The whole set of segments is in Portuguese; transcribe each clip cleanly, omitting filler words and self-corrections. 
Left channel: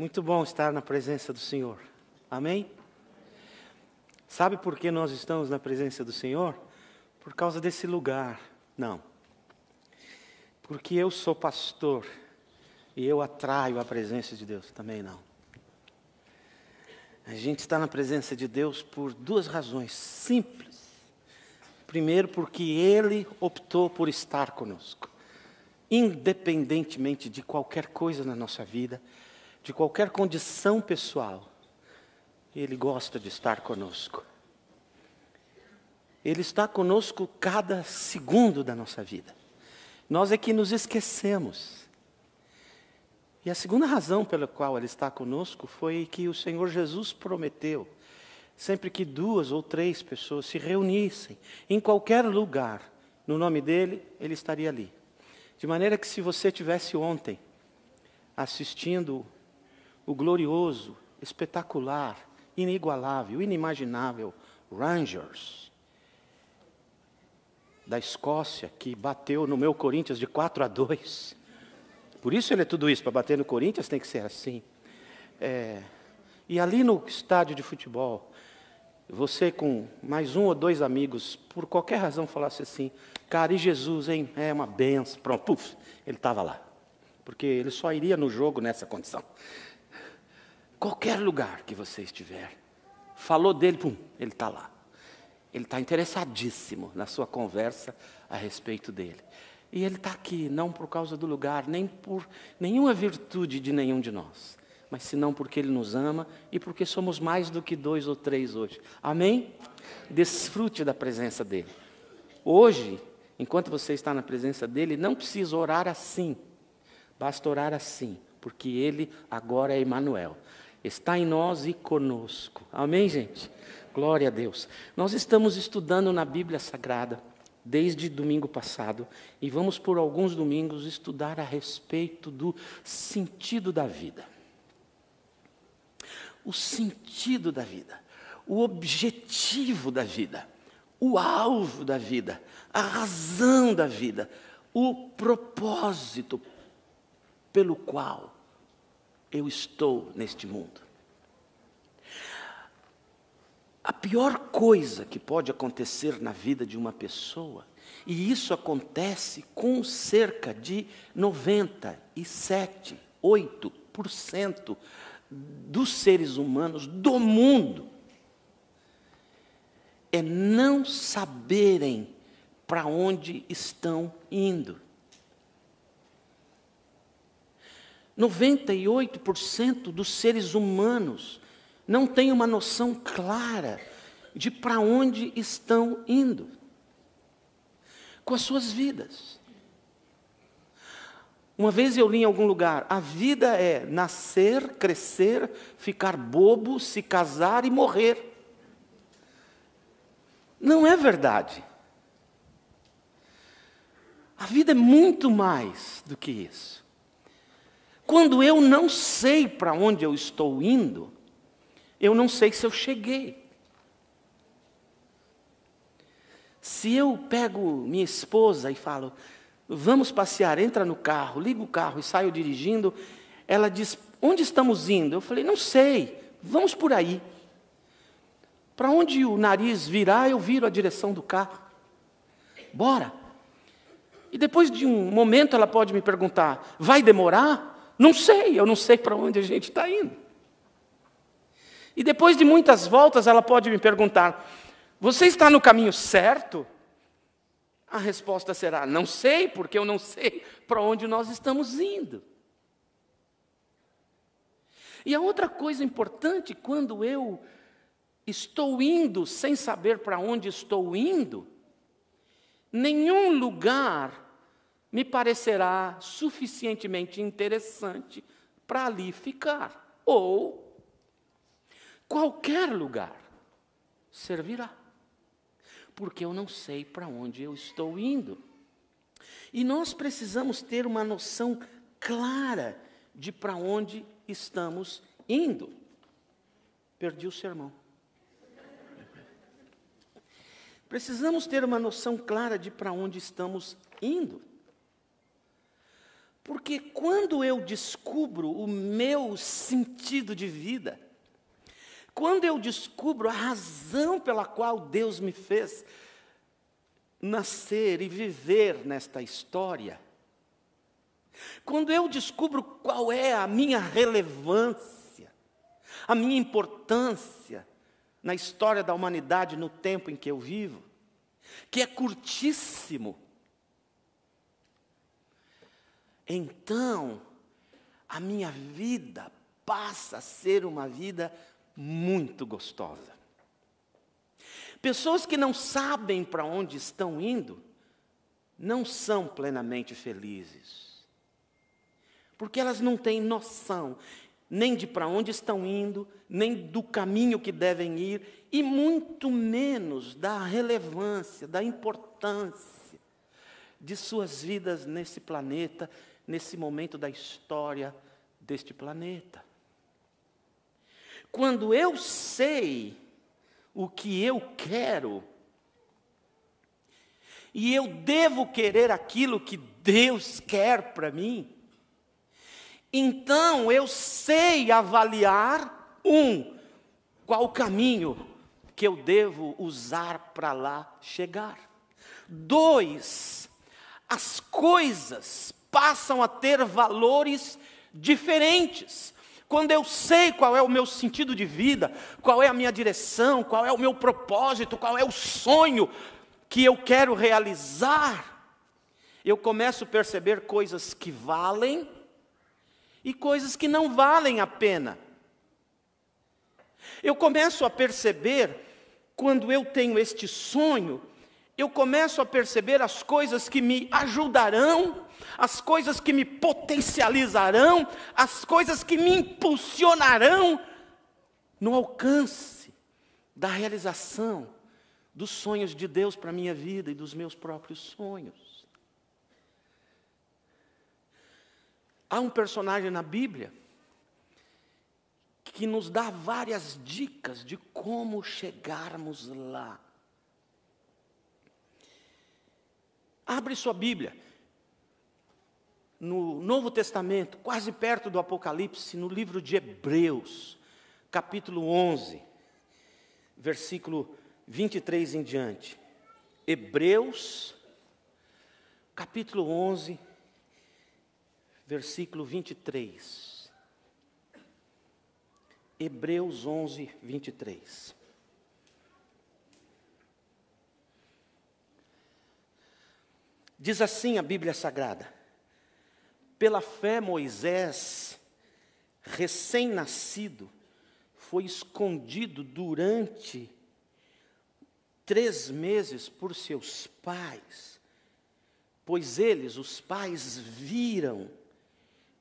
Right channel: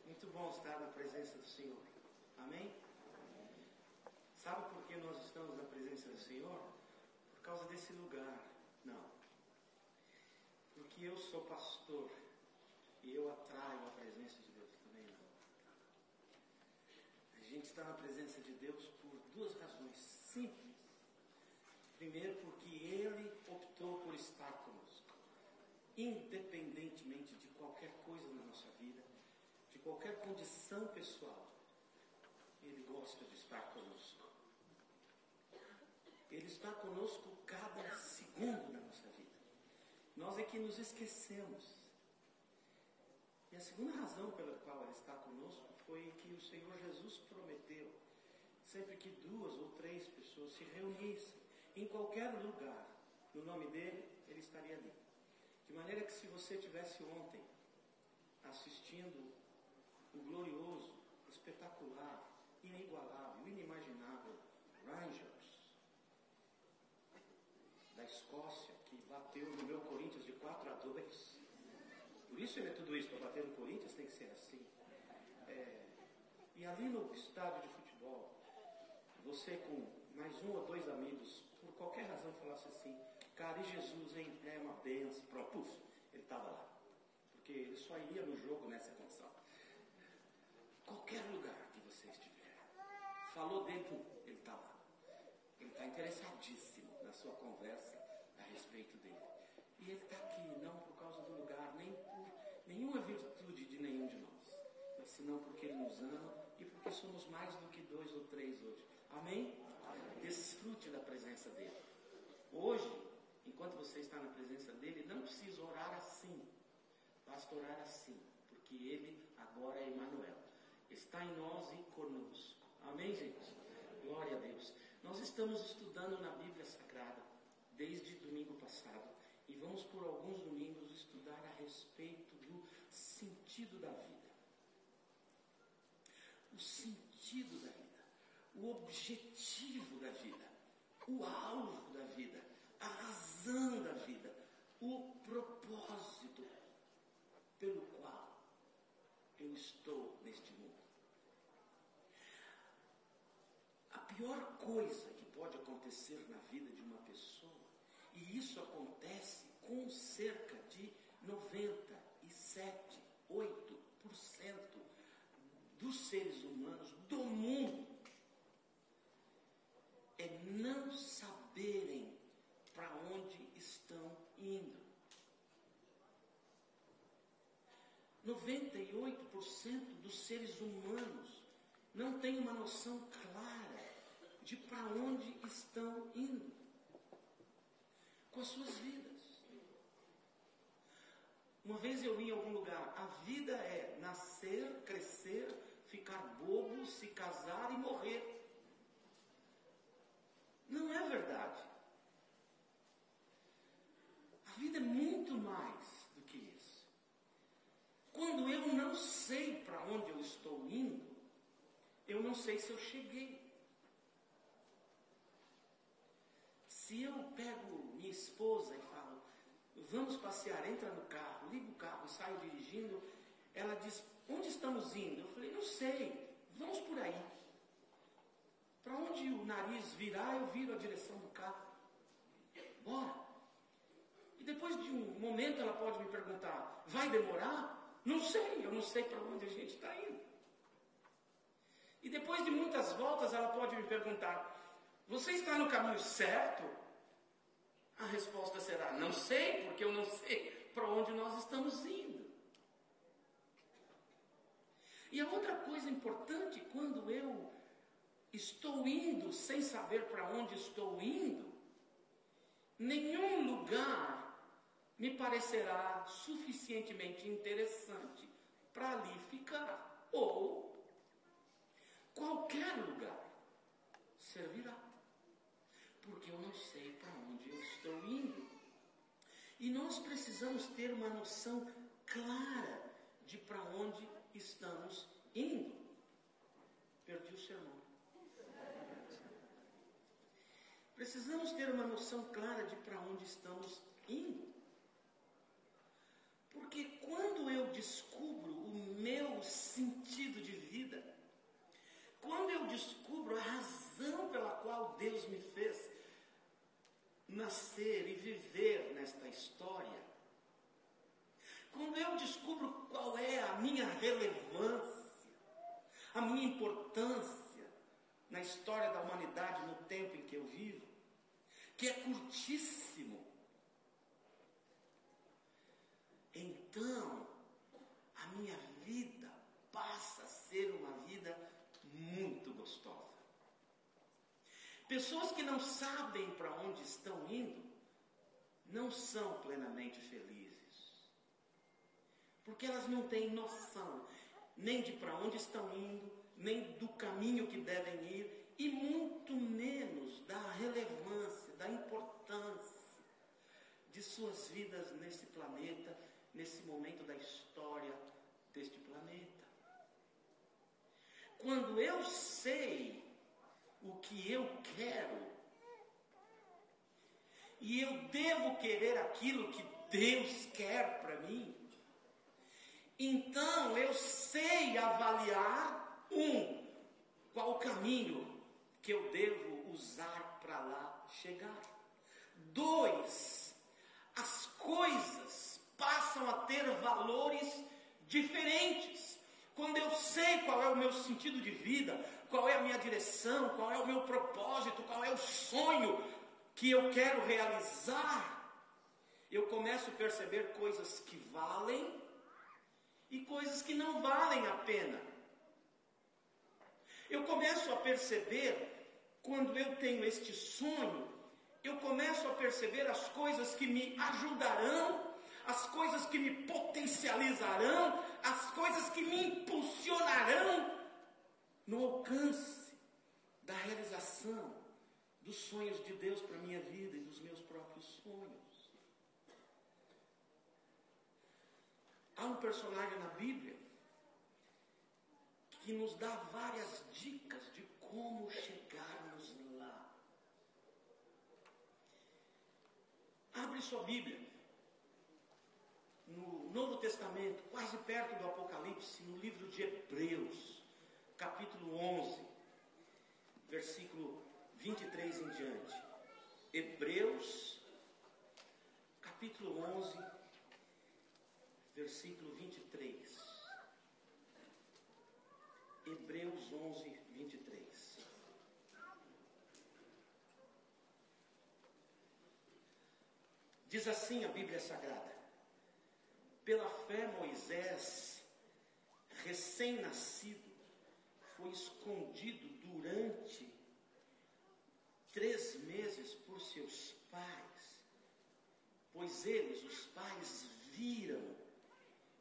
Muito bom estar na presença do Senhor. Amém? Sabe por que nós estamos na presença do Senhor? Por causa desse lugar. Não. Porque eu sou pastor e eu atraio a presença de Deus. Também não. A gente está na presença de Deus por duas razões simples. Primeiro, porque Ele optou por estar conosco. Independentemente de qualquer coisa na nossa vida, de qualquer condição pessoal, Ele gosta de estar conosco. Ele está conosco cada segundo da nossa vida. Nós é que nos esquecemos. E a segunda razão pela qual Ele está conosco foi que o Senhor Jesus prometeu, sempre que 2 ou 3 pessoas se reunissem, em qualquer lugar, no nome dEle, Ele estaria ali. De maneira que se você tivesse ontem assistindo o glorioso, espetacular, inigualável, inimaginável Rangers da Escócia, que bateu no meu Corinthians de 4-2. Por isso ele é tudo isso, para bater no Corinthians tem que ser assim. E ali no estádio de futebol, você com mais 1 ou 2 amigos, por qualquer razão falasse assim, cara, e Jesus, hein? É uma benção. Pronto, puf, ele estava lá. Porque ele só iria no jogo nessa condição. Qualquer lugar que você estiver, falou dele, pum, ele está lá. Ele está interessadíssimo na sua conversa a respeito dele. E ele está aqui, não por causa do lugar, nem por nenhuma virtude de nenhum de nós, mas senão porque Ele nos ama e porque somos mais do que 2 ou 3 hoje. Amém? Desfrute da presença dEle. Hoje, enquanto você está na presença dEle, não precisa orar assim. Basta orar assim, porque Ele agora é Emmanuel. Está em nós e conosco. Amém, gente? Glória a Deus. Nós estamos estudando na Bíblia Sagrada, desde domingo passado, e vamos por alguns domingos estudar a respeito do sentido da vida. O sentido da vida, o objetivo da vida, o alvo da vida, a razão da vida, o propósito pelo qual eu estou neste mundo. A pior coisa que pode acontecer na vida de uma pessoa, e isso acontece com cerca de 97, 8% dos seres humanos do mundo, é não saberem para onde estão indo. 98% dos seres humanos não têm uma noção clara de para onde estão indo com as suas vidas. Uma vez eu li em algum lugar, a vida é nascer, crescer, ficar bobo, se casar e morrer. Não é verdade. A vida é muito mais do que isso. Quando eu não sei para onde eu estou indo, eu não sei se eu cheguei. Se eu pego minha esposa e falo, vamos passear, entra no carro, liga o carro e saio dirigindo, ela diz, onde estamos indo? Eu falei, não sei, vamos por aí. Para onde o nariz virar, eu viro a direção do carro. Bora. E depois de um momento ela pode me perguntar, vai demorar? Não sei, eu não sei para onde a gente está indo. E depois de muitas voltas, ela pode me perguntar, você está no caminho certo? A resposta será, não sei, porque eu não sei para onde nós estamos indo. E a outra coisa importante, quando eu estou indo sem saber para onde estou indo, nenhum lugar me parecerá suficientemente interessante para ali ficar. Ou qualquer lugar servirá, porque eu não sei para onde eu estou indo. E nós precisamos ter uma noção clara de para onde estamos indo. Perdi o sermão. Precisamos ter uma noção clara de para onde estamos indo. Porque quando eu descubro o meu sentido de vida, quando eu descubro a razão pela qual Deus me fez nascer e viver nesta história, quando eu descubro qual é a minha relevância, a minha importância na história da humanidade no tempo em que eu vivo, que é curtíssimo, então a minha vida passa a ser uma vida muito gostosa. Pessoas que não sabem para onde estão indo, não são plenamente felizes. Porque elas não têm noção nem de para onde estão indo, nem do caminho que devem ir, e muito menos da relevância, da importância de suas vidas nesse planeta, nesse momento da história deste planeta. Quando eu sei o que eu quero, e eu devo querer aquilo que Deus quer para mim, então eu sei avaliar, qual o caminho que eu devo usar para lá chegar. 2, as coisas passam a ter valores diferentes. Quando eu sei qual é o meu sentido de vida, qual é a minha direção, qual é o meu propósito, qual é o sonho que eu quero realizar, eu começo a perceber coisas que valem e coisas que não valem a pena. Eu começo a perceber, quando eu tenho este sonho, eu começo a perceber as coisas que me ajudarão, as coisas que me potencializarão, as coisas que me impulsionarão no alcance da realização dos sonhos de Deus para a minha vida e dos meus próprios sonhos. Há um personagem na Bíblia que nos dá várias dicas de como chegarmos lá. Abre sua Bíblia no Novo Testamento, quase perto do Apocalipse, no livro de Hebreus, capítulo 11, versículo 23 em diante. Hebreus, capítulo 11, versículo 23. Hebreus 11, 23. Diz assim a Bíblia Sagrada: pela fé Moisés, recém-nascido, foi escondido durante 3 meses por seus pais, pois eles, os pais, viram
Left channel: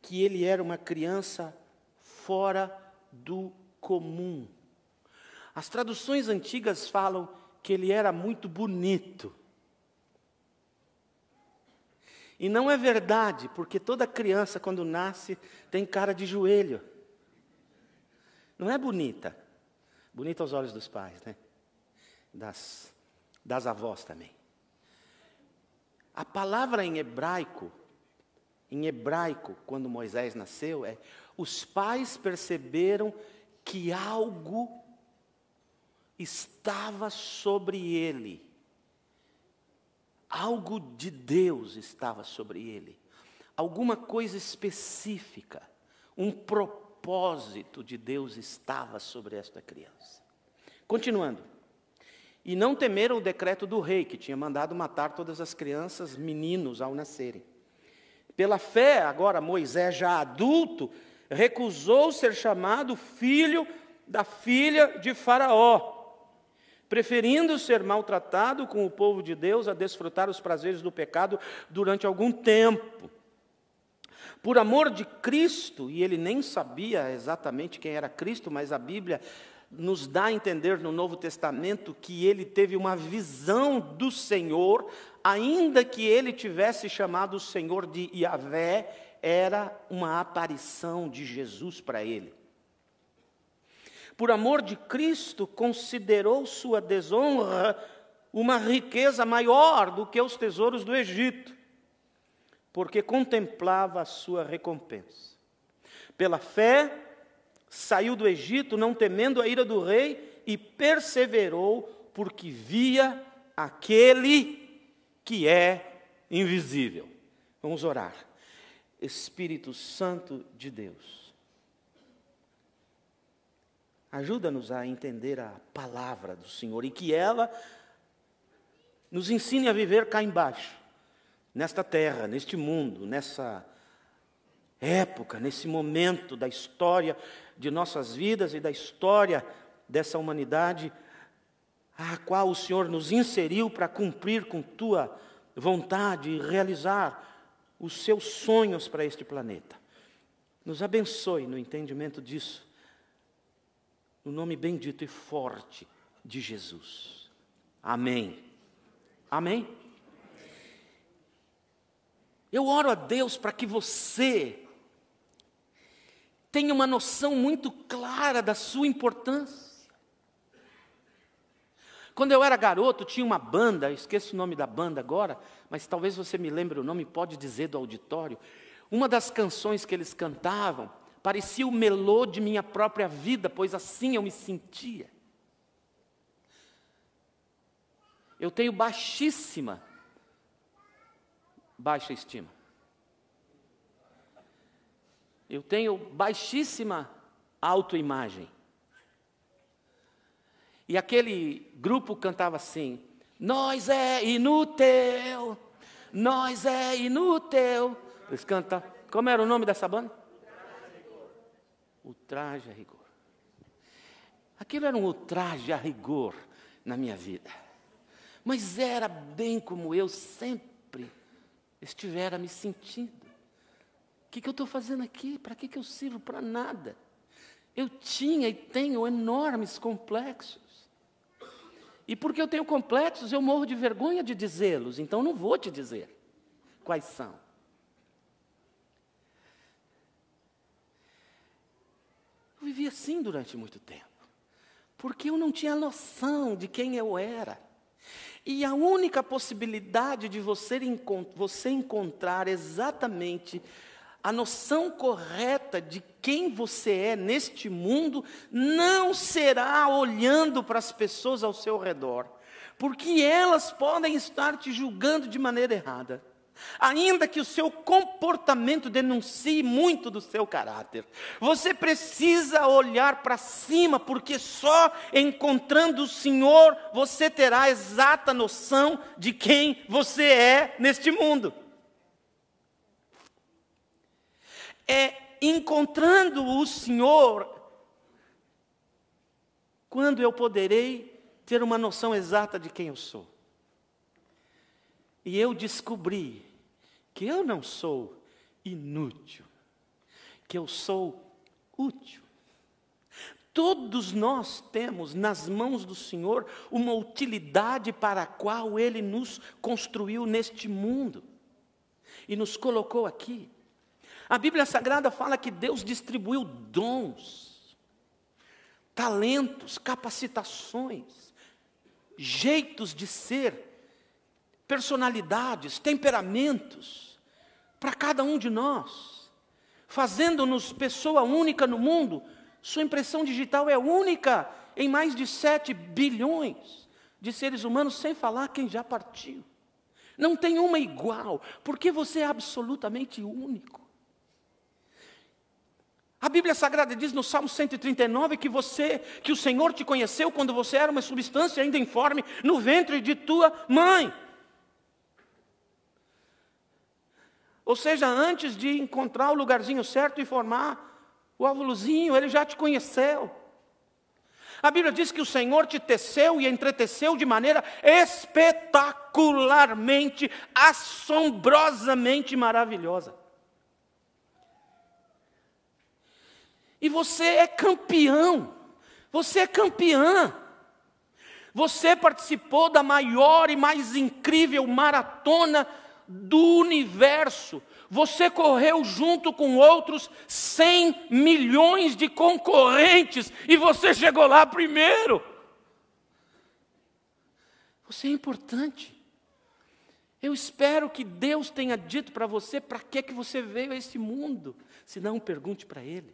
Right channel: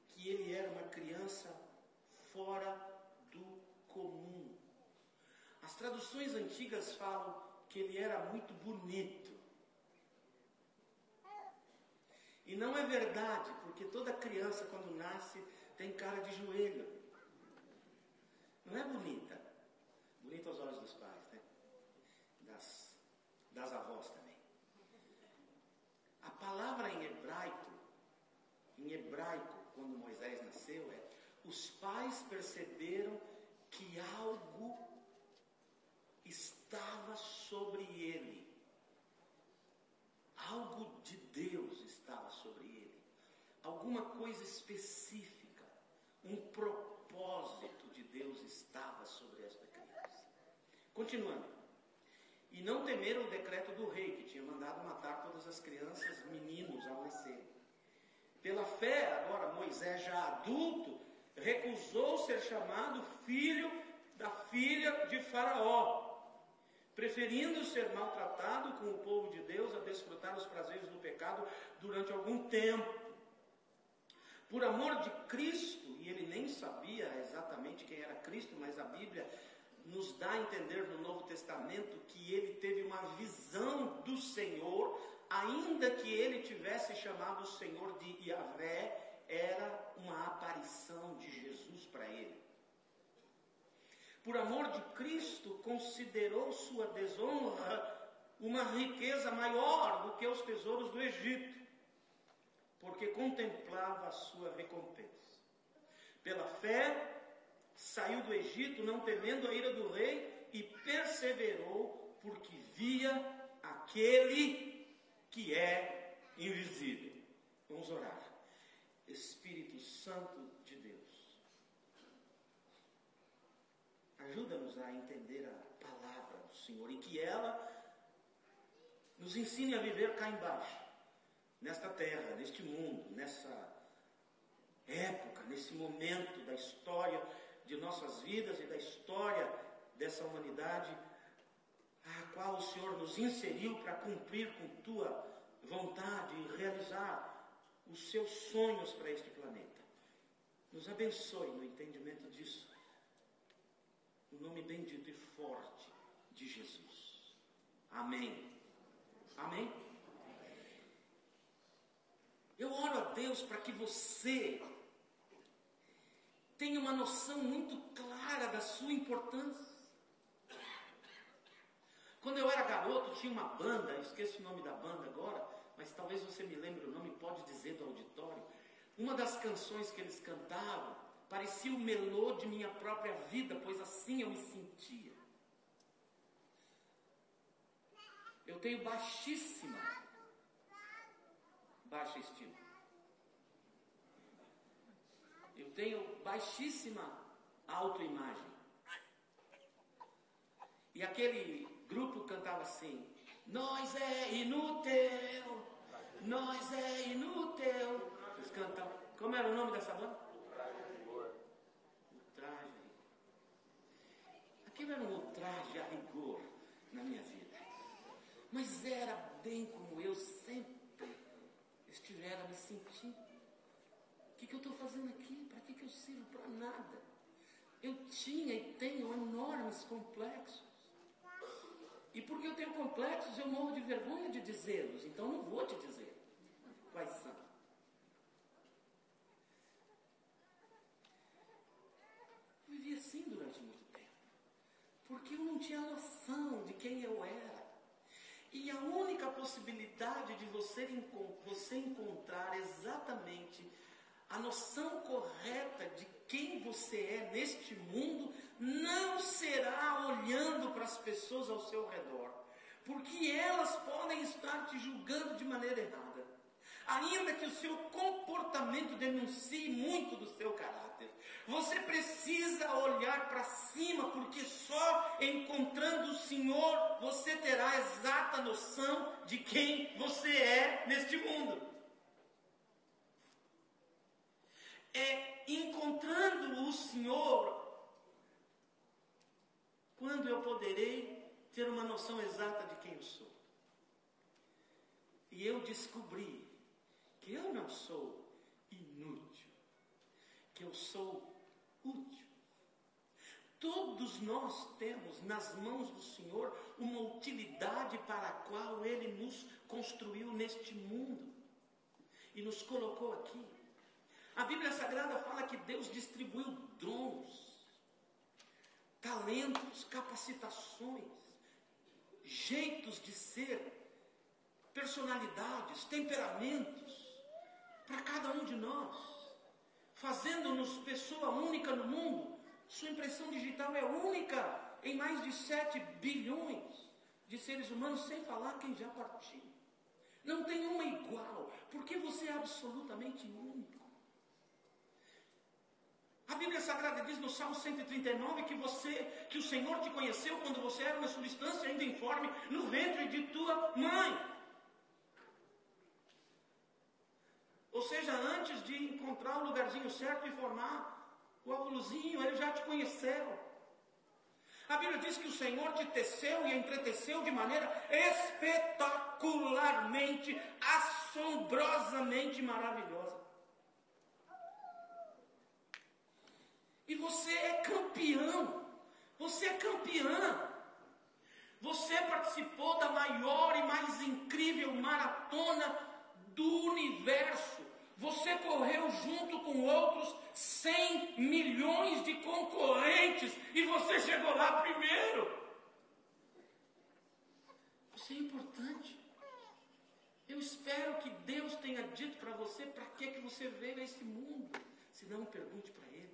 que ele era uma criança fora do comum. As traduções antigas falam que ele era muito bonito. E não é verdade, porque toda criança, quando nasce, tem cara de joelho. Não é bonita. Bonita aos olhos dos pais, né? Das avós também. A palavra em hebraico, quando Moisés nasceu, os pais perceberam que algo estava sobre ele. Algo de Deus estava sobre ele. Alguma coisa específica, um propósito de Deus estava sobre esta criança. Continuando. E não temeram o decreto do rei, que tinha mandado matar todas as crianças, meninos, ao nascerem. Pela fé, agora Moisés, já adulto, recusou ser chamado filho da filha de Faraó, preferindo ser maltratado com o povo de Deus a desfrutar os prazeres do pecado durante algum tempo. Por amor de Cristo, e ele nem sabia exatamente quem era Cristo, mas a Bíblia nos dá a entender no Novo Testamento que ele teve uma visão do Senhor, ainda que ele tivesse chamado o Senhor de Yahvé, era uma aparição de Jesus para ele. Por amor de Cristo, considerou sua desonra uma riqueza maior do que os tesouros do Egito, porque contemplava a sua recompensa. Pela fé, saiu do Egito, não temendo a ira do rei, e perseverou, porque via aquele que é invisível. Vamos orar. Espírito Santo de Deus, ajuda-nos a entender a palavra do Senhor e que ela nos ensine a viver cá embaixo, nesta terra, neste mundo, nessa época, nesse momento da história de nossas vidas e da história dessa humanidade, a qual o Senhor nos inseriu para cumprir com Tua vontade e realizar os Seus sonhos para este planeta. Nos abençoe no entendimento disso, no nome bendito e forte de Jesus. Amém. Amém? Eu oro a Deus para que você tenha uma noção muito clara da sua importância. Quando eu era garoto, tinha uma banda, esqueço o nome da banda agora, mas talvez você me lembre o nome, pode dizer do auditório. Uma das canções que eles cantavam parecia o melô de minha própria vida, pois assim eu me sentia. Eu tenho baixa estima. Eu tenho baixíssima autoimagem. E aquele grupo cantava assim: nós é inútil, nós é inútil. Eles cantam, como era o nome dessa banda? Ultraje a rigor. Aquilo era um ultraje a rigor na minha vida. Mas era bem como eu sempre estivera me sentindo. O que eu estou fazendo aqui? Para que eu sirvo? Para nada. Eu tinha e tenho enormes complexos. E porque eu tenho complexos, eu morro de vergonha de dizê-los. Então não vou te dizer quais são. Eu vivi assim durante muito tempo. Porque eu não tinha noção de quem eu era. E a única possibilidade de você encontrar exatamente a noção correta de quem você é neste mundo não será olhando para as pessoas ao seu redor, porque elas podem estar te julgando de maneira errada. Ainda que o seu comportamento denuncie muito do seu caráter, você precisa olhar para cima, porque só encontrando o Senhor você terá a exata noção de quem você é neste mundo. É encontrando o Senhor quando eu poderei ter uma noção exata de quem eu sou. E eu descobri que eu não sou inútil, que eu sou útil. Todos nós temos nas mãos do Senhor uma utilidade para a qual Ele nos construiu neste mundo e nos colocou aqui. A Bíblia Sagrada fala que Deus distribuiu dons, talentos, capacitações, jeitos de ser, personalidades, temperamentos, para cada um de nós, fazendo-nos pessoa única no mundo. Sua impressão digital é única em mais de 7 bilhões de seres humanos, sem falar quem já partiu. Não tem uma igual, porque você é absolutamente único. A Bíblia Sagrada diz no Salmo 139 que o Senhor te conheceu quando você era uma substância ainda informe no ventre de tua mãe. Ou seja, antes de encontrar o lugarzinho certo e formar o óvulozinho, Ele já te conheceu. A Bíblia diz que o Senhor te teceu e entreteceu de maneira espetacularmente, assombrosamente maravilhosa. E você é campeão, você é campeã. Você participou da maior e mais incrível maratona do universo. Você correu junto com outros 100 milhões de concorrentes e você chegou lá primeiro. Você é importante. Eu espero que Deus tenha dito para você para que você veio a esse mundo. Se não, pergunte para Ele.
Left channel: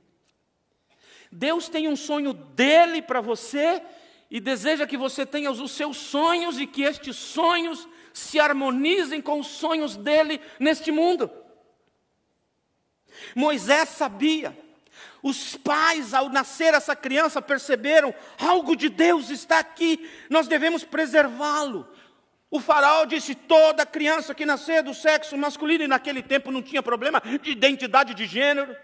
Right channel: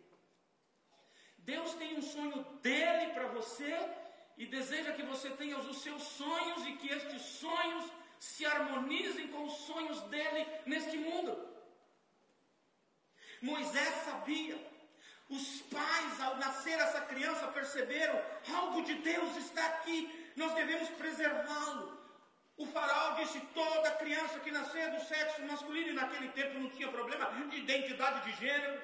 Deus tem um sonho dele para você e deseja que você tenha os seus sonhos e que estes sonhos se harmonizem com os sonhos dele neste mundo. Moisés sabia. Os pais, ao nascer essa criança, perceberam: algo de Deus está aqui, nós devemos preservá-lo. O faraó disse: toda criança que nascer do sexo masculino, e naquele tempo não tinha problema de identidade de gênero.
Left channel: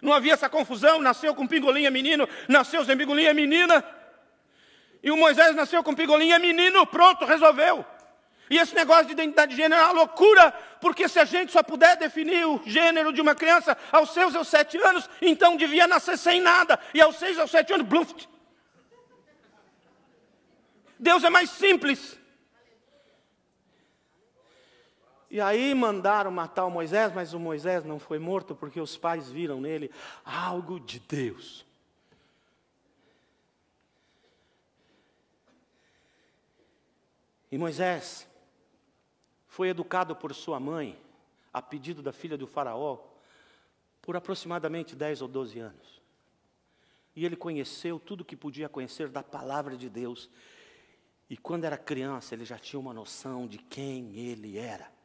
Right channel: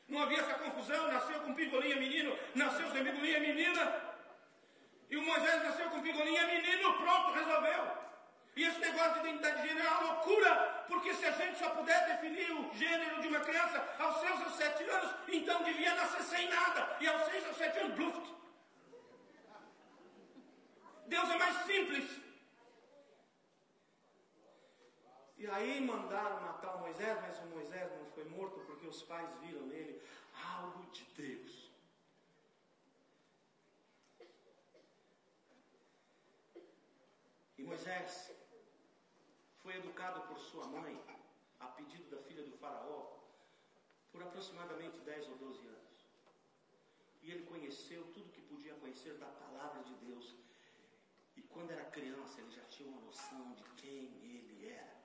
Não havia essa confusão, nasceu com pingolim é menino, nasceu sem pingolim é menina. E o Moisés nasceu com pingolim é menino, pronto, resolveu. E esse negócio de identidade de gênero é uma loucura, porque se a gente só puder definir o gênero de uma criança aos 6 ou 7 anos, então devia nascer sem nada, e aos 6 ou 7 anos, bluf. Deus é mais simples. E aí mandaram matar o Moisés, mas o Moisés não foi morto, porque os pais viram nele algo de Deus. E Moisés foi educado por sua mãe, a pedido da filha do faraó, por aproximadamente 10 ou 12 anos. E ele conheceu tudo que podia conhecer da palavra de Deus. E quando era criança, ele já tinha uma noção de quem ele era.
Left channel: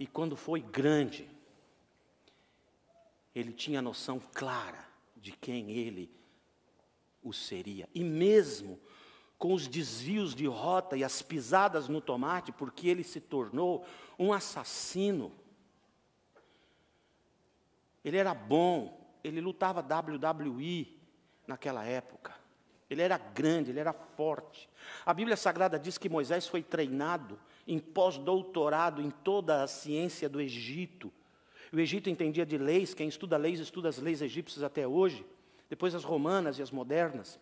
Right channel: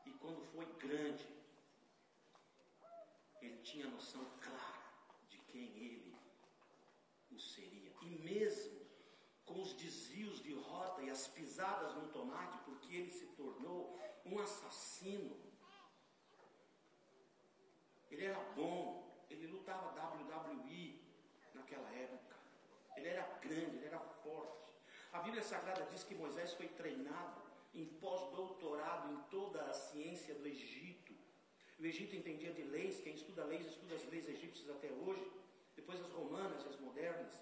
E quando foi grande, ele tinha a noção clara de quem ele o seria. E mesmo com os desvios de rota e as pisadas no tomate, porque ele se tornou um assassino. Ele era bom, ele lutava WWE naquela época. Ele era grande, ele era forte. A Bíblia Sagrada diz que Moisés foi treinado em pós-doutorado em toda a ciência do Egito. O Egito entendia de leis, quem estuda leis, estuda as leis egípcias até hoje, depois as romanas e as modernas.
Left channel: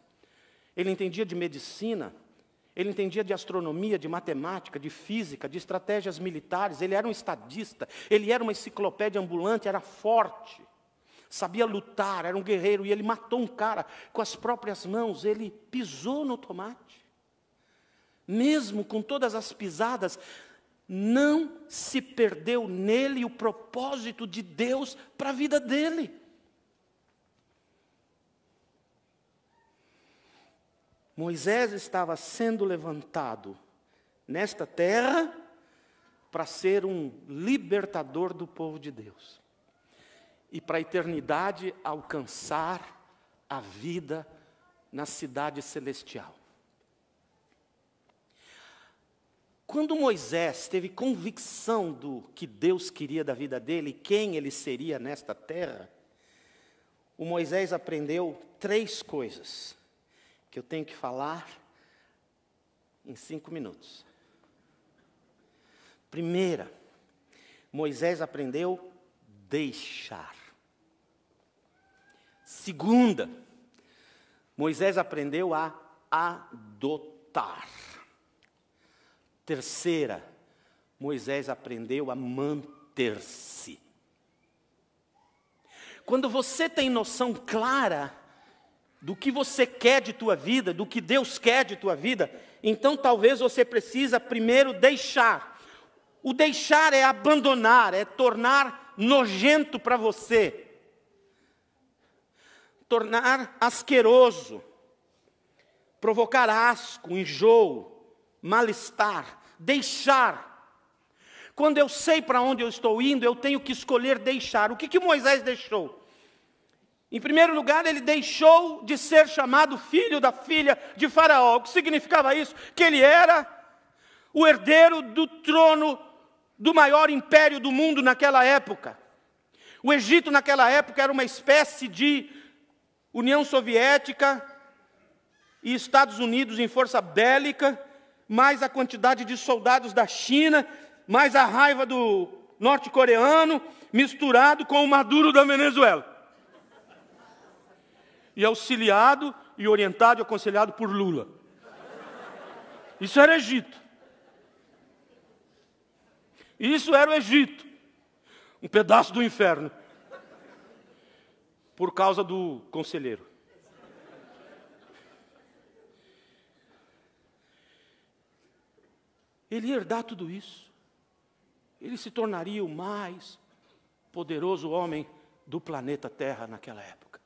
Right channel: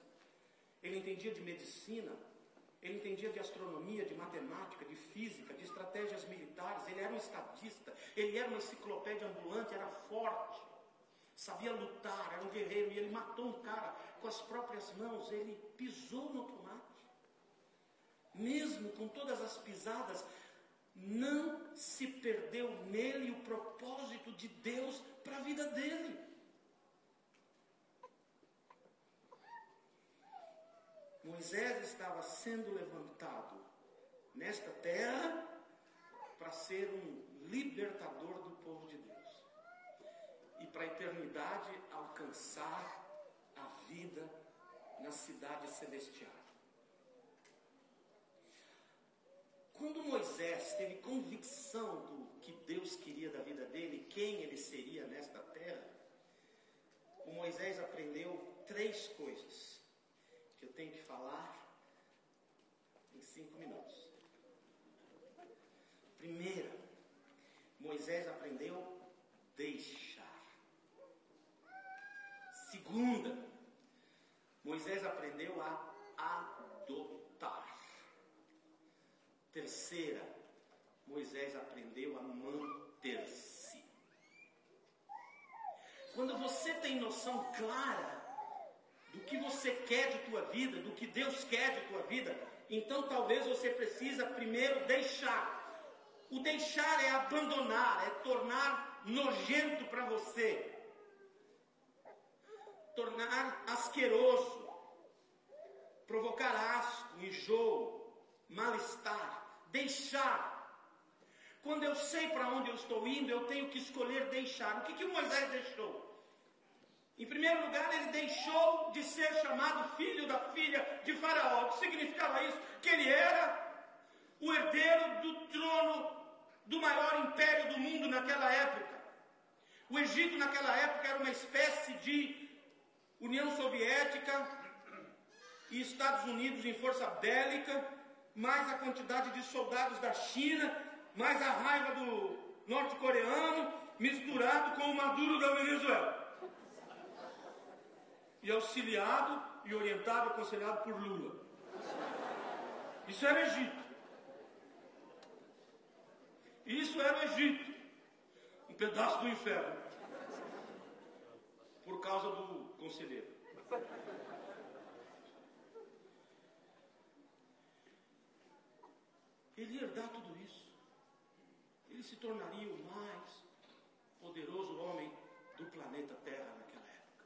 Ele entendia de medicina, ele entendia de astronomia, de matemática, de física, de estratégias militares, ele era um estadista, ele era uma enciclopédia ambulante, era forte, sabia lutar, era um guerreiro, e ele matou um cara com as próprias mãos, ele pisou no tomate. Mesmo com todas as pisadas, não se perdeu nele o propósito de Deus para a vida dele. Moisés estava sendo levantado nesta terra para ser um libertador do povo de Deus. E para a eternidade alcançar a vida na cidade celestial. Quando Moisés teve convicção do que Deus queria da vida dele, quem ele seria nesta terra, o Moisés aprendeu 3 coisas que eu tenho que falar em 5 minutos. Primeira, Moisés aprendeu deixar. Segunda, Moisés aprendeu a adotar. Terceira, Moisés aprendeu a manter-se. Quando você tem noção clara do que você quer de tua vida, do que Deus quer de tua vida, então talvez você precisa primeiro deixar. O deixar é abandonar, é tornar nojento para você, tornar asqueroso, provocar asco, enjoo, mal-estar, deixar. Quando eu sei para onde eu estou indo, eu tenho que escolher deixar. O que Moisés deixou? Em primeiro lugar, ele deixou de ser chamado filho da filha de Faraó. O que significava isso? Que ele era o herdeiro do trono do maior império do mundo naquela época. O Egito naquela época era uma espécie de União Soviética e Estados Unidos em força bélica, mais a quantidade de soldados da China, mais a raiva do norte-coreano, misturado com o Maduro da Venezuela. E auxiliado e orientado e aconselhado por Lula. Isso era Egito. Isso era o Egito. Um pedaço do inferno. Por causa do conselheiro. ele ia herdar tudo isso. Ele se tornaria o mais poderoso homem do planeta Terra naquela época.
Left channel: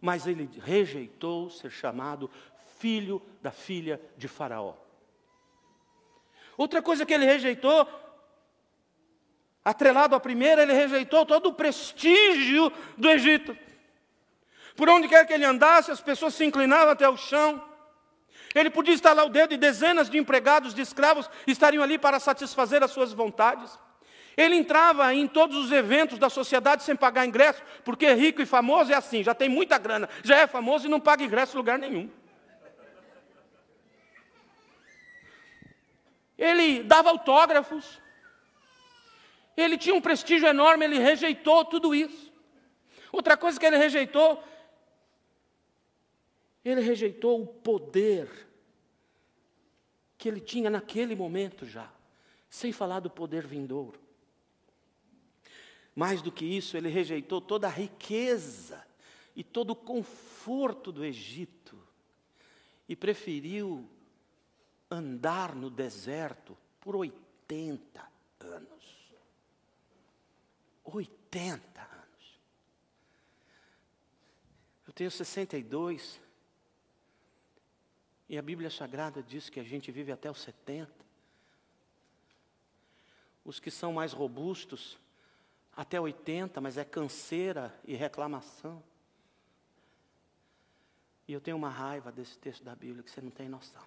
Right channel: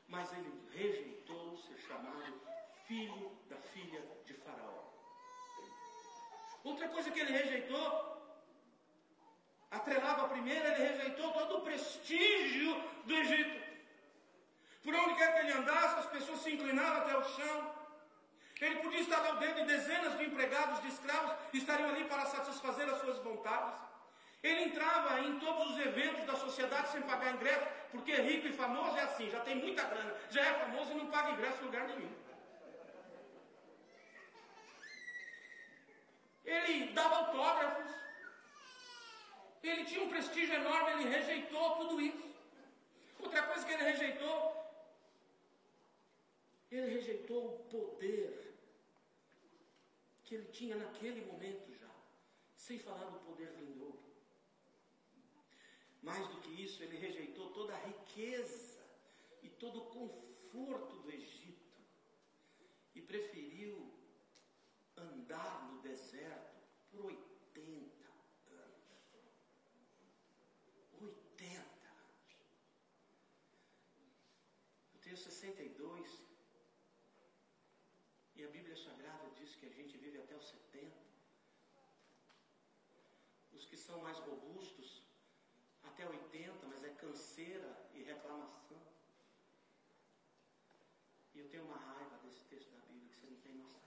Mas ele rejeitou ser chamado filho da filha de Faraó. Outra coisa que ele rejeitou, atrelado à primeira, ele rejeitou todo o prestígio do Egito. Por onde quer que ele andasse, as pessoas se inclinavam até o chão. Ele podia estalar o dedo e dezenas de empregados, de escravos, estariam ali para satisfazer as suas vontades. Ele entrava em todos os eventos da sociedade sem pagar ingresso, porque rico e famoso é assim, já tem muita grana, já é famoso e não paga ingresso em lugar nenhum. Ele dava autógrafos, ele tinha um prestígio enorme, ele rejeitou tudo isso. Outra coisa que ele rejeitou o poder que ele tinha naquele momento já, sem falar do poder vindouro. Mais do que isso, ele rejeitou toda a riqueza e todo o conforto do Egito e preferiu andar no deserto por 80 anos. 80 anos. Eu tenho 62 e a Bíblia Sagrada diz que a gente vive até os 70. Os que são mais robustos, até 80, mas é canseira e reclamação. E eu tenho uma raiva desse texto da Bíblia que você não tem noção.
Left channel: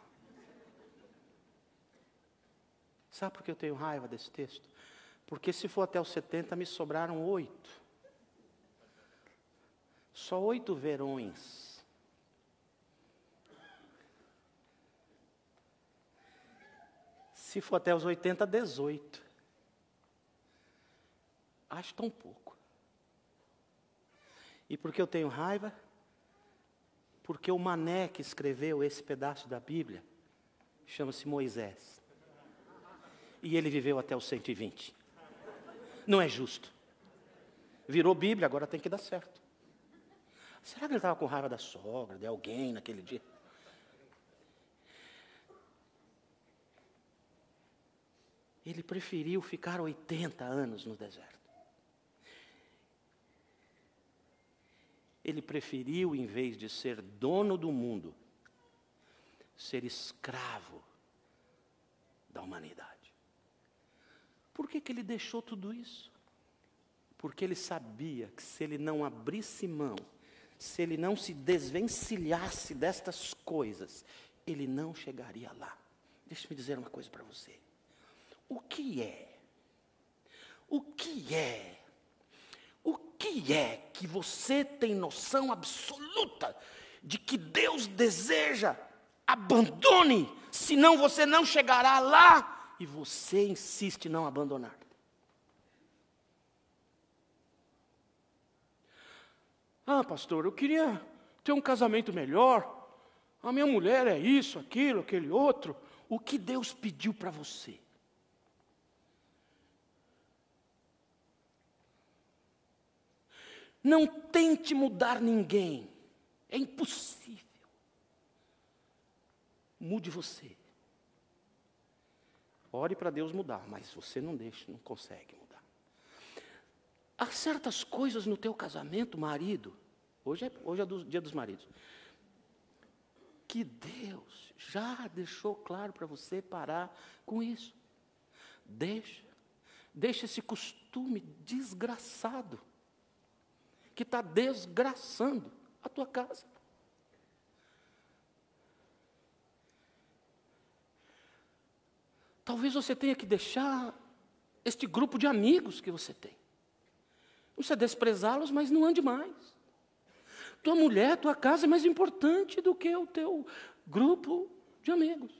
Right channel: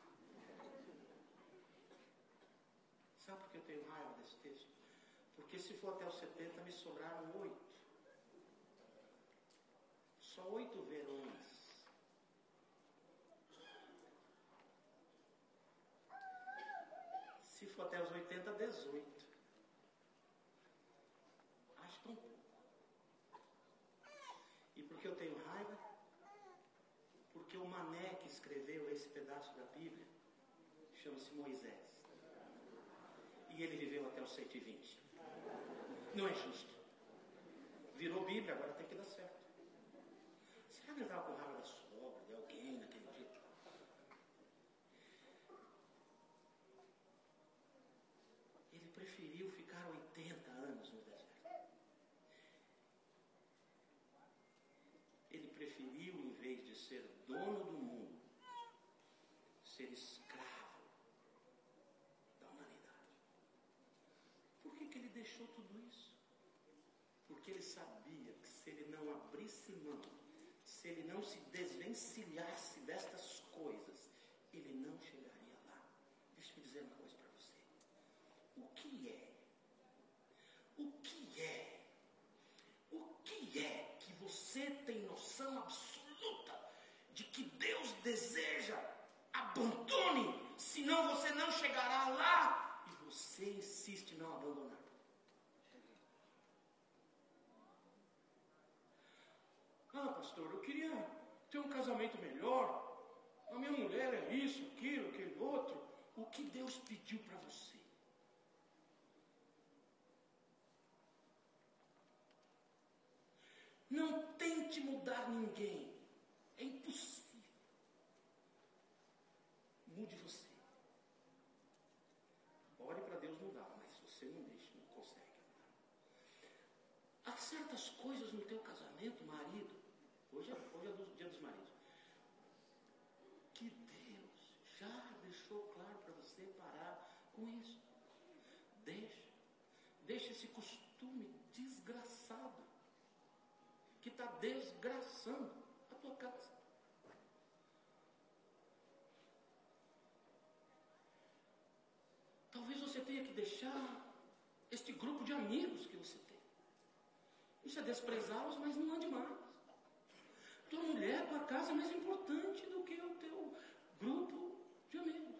Sabe por que eu tenho raiva desse texto? Porque se for até os 70, me sobraram 8. Só 8 verões. Se for até os 80, 18. Acho tão pouco. E por que eu tenho raiva? Porque o mané que escreveu esse pedaço da Bíblia chama-se Moisés. E ele viveu até os 120. Não é justo. Virou Bíblia, agora tem que dar certo. Será que ele estava com raiva da sogra, de alguém naquele dia? Ele preferiu ficar 80 anos no deserto. Ele preferiu, em vez de ser dono do mundo, ser escravo da humanidade. Por que ele deixou tudo isso? Porque ele sabia que se ele não abrisse mão, se ele não se desvencilhasse destas coisas, ele não chegaria lá. Deixa-me dizer uma coisa para você. O que é que você tem noção absoluta de que Deus deseja? Abandone, senão você não chegará lá, e você insiste em não abandonar. Ah, pastor, eu queria ter um casamento melhor, a minha mulher é isso, aquilo, aquele outro. O que Deus pediu para você? Não tente mudar ninguém. É impossível. Mude você. Ore para Deus mudar, mas você não consegue mudar. Há certas coisas no teu casamento, marido, hoje é do dia dos maridos, que Deus já deixou claro para você parar com isso. Deixa esse costume desgraçado que está desgraçando a tua casa. Talvez você tenha que deixar este grupo de amigos que você tem. Não precisa desprezá-los, mas não ande mais. Tua mulher, tua casa é mais importante do que o teu grupo de amigos.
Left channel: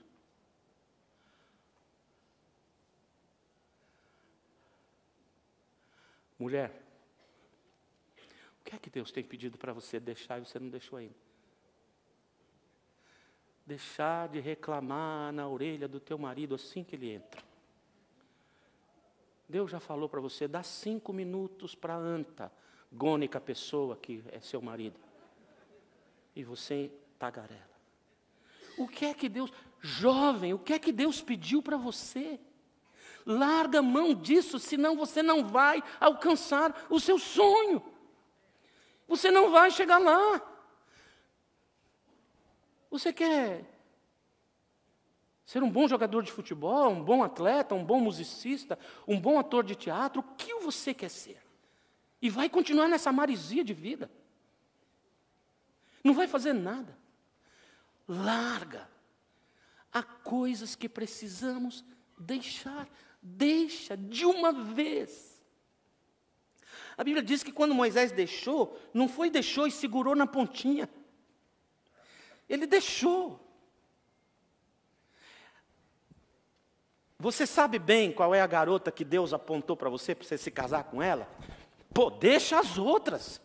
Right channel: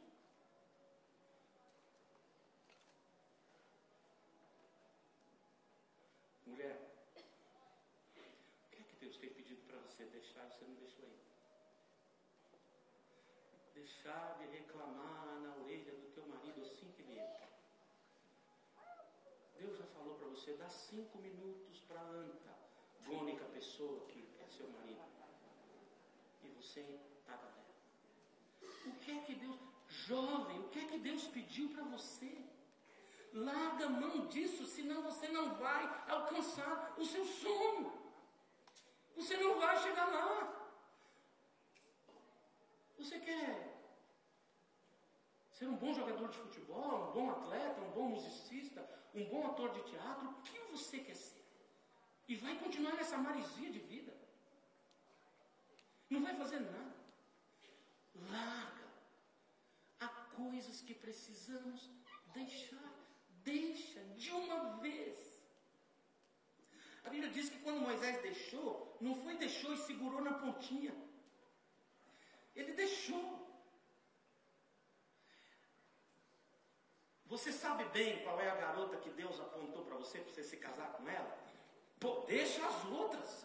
Mulher, o que é que Deus tem pedido para você deixar e você não deixou ainda? Deixar de reclamar na orelha do teu marido assim que ele entra. Deus já falou para você, dá 5 minutos para a antagônica pessoa que é seu marido. E você tagarela. O que é que Deus... Jovem, o que é que Deus pediu para você? Larga a mão disso, senão você não vai alcançar o seu sonho. Você não vai chegar lá. Você quer ser um bom jogador de futebol, um bom atleta, um bom musicista, um bom ator de teatro? O que você quer ser? E vai continuar nessa maresia de vida. Não vai fazer nada. Larga. Há coisas que precisamos deixar. Deixa de uma vez. A Bíblia diz que quando Moisés deixou, não foi deixou e segurou na pontinha. Ele deixou. Você sabe bem qual é a garota que Deus apontou para você se casar com ela? Pô, deixa as outras.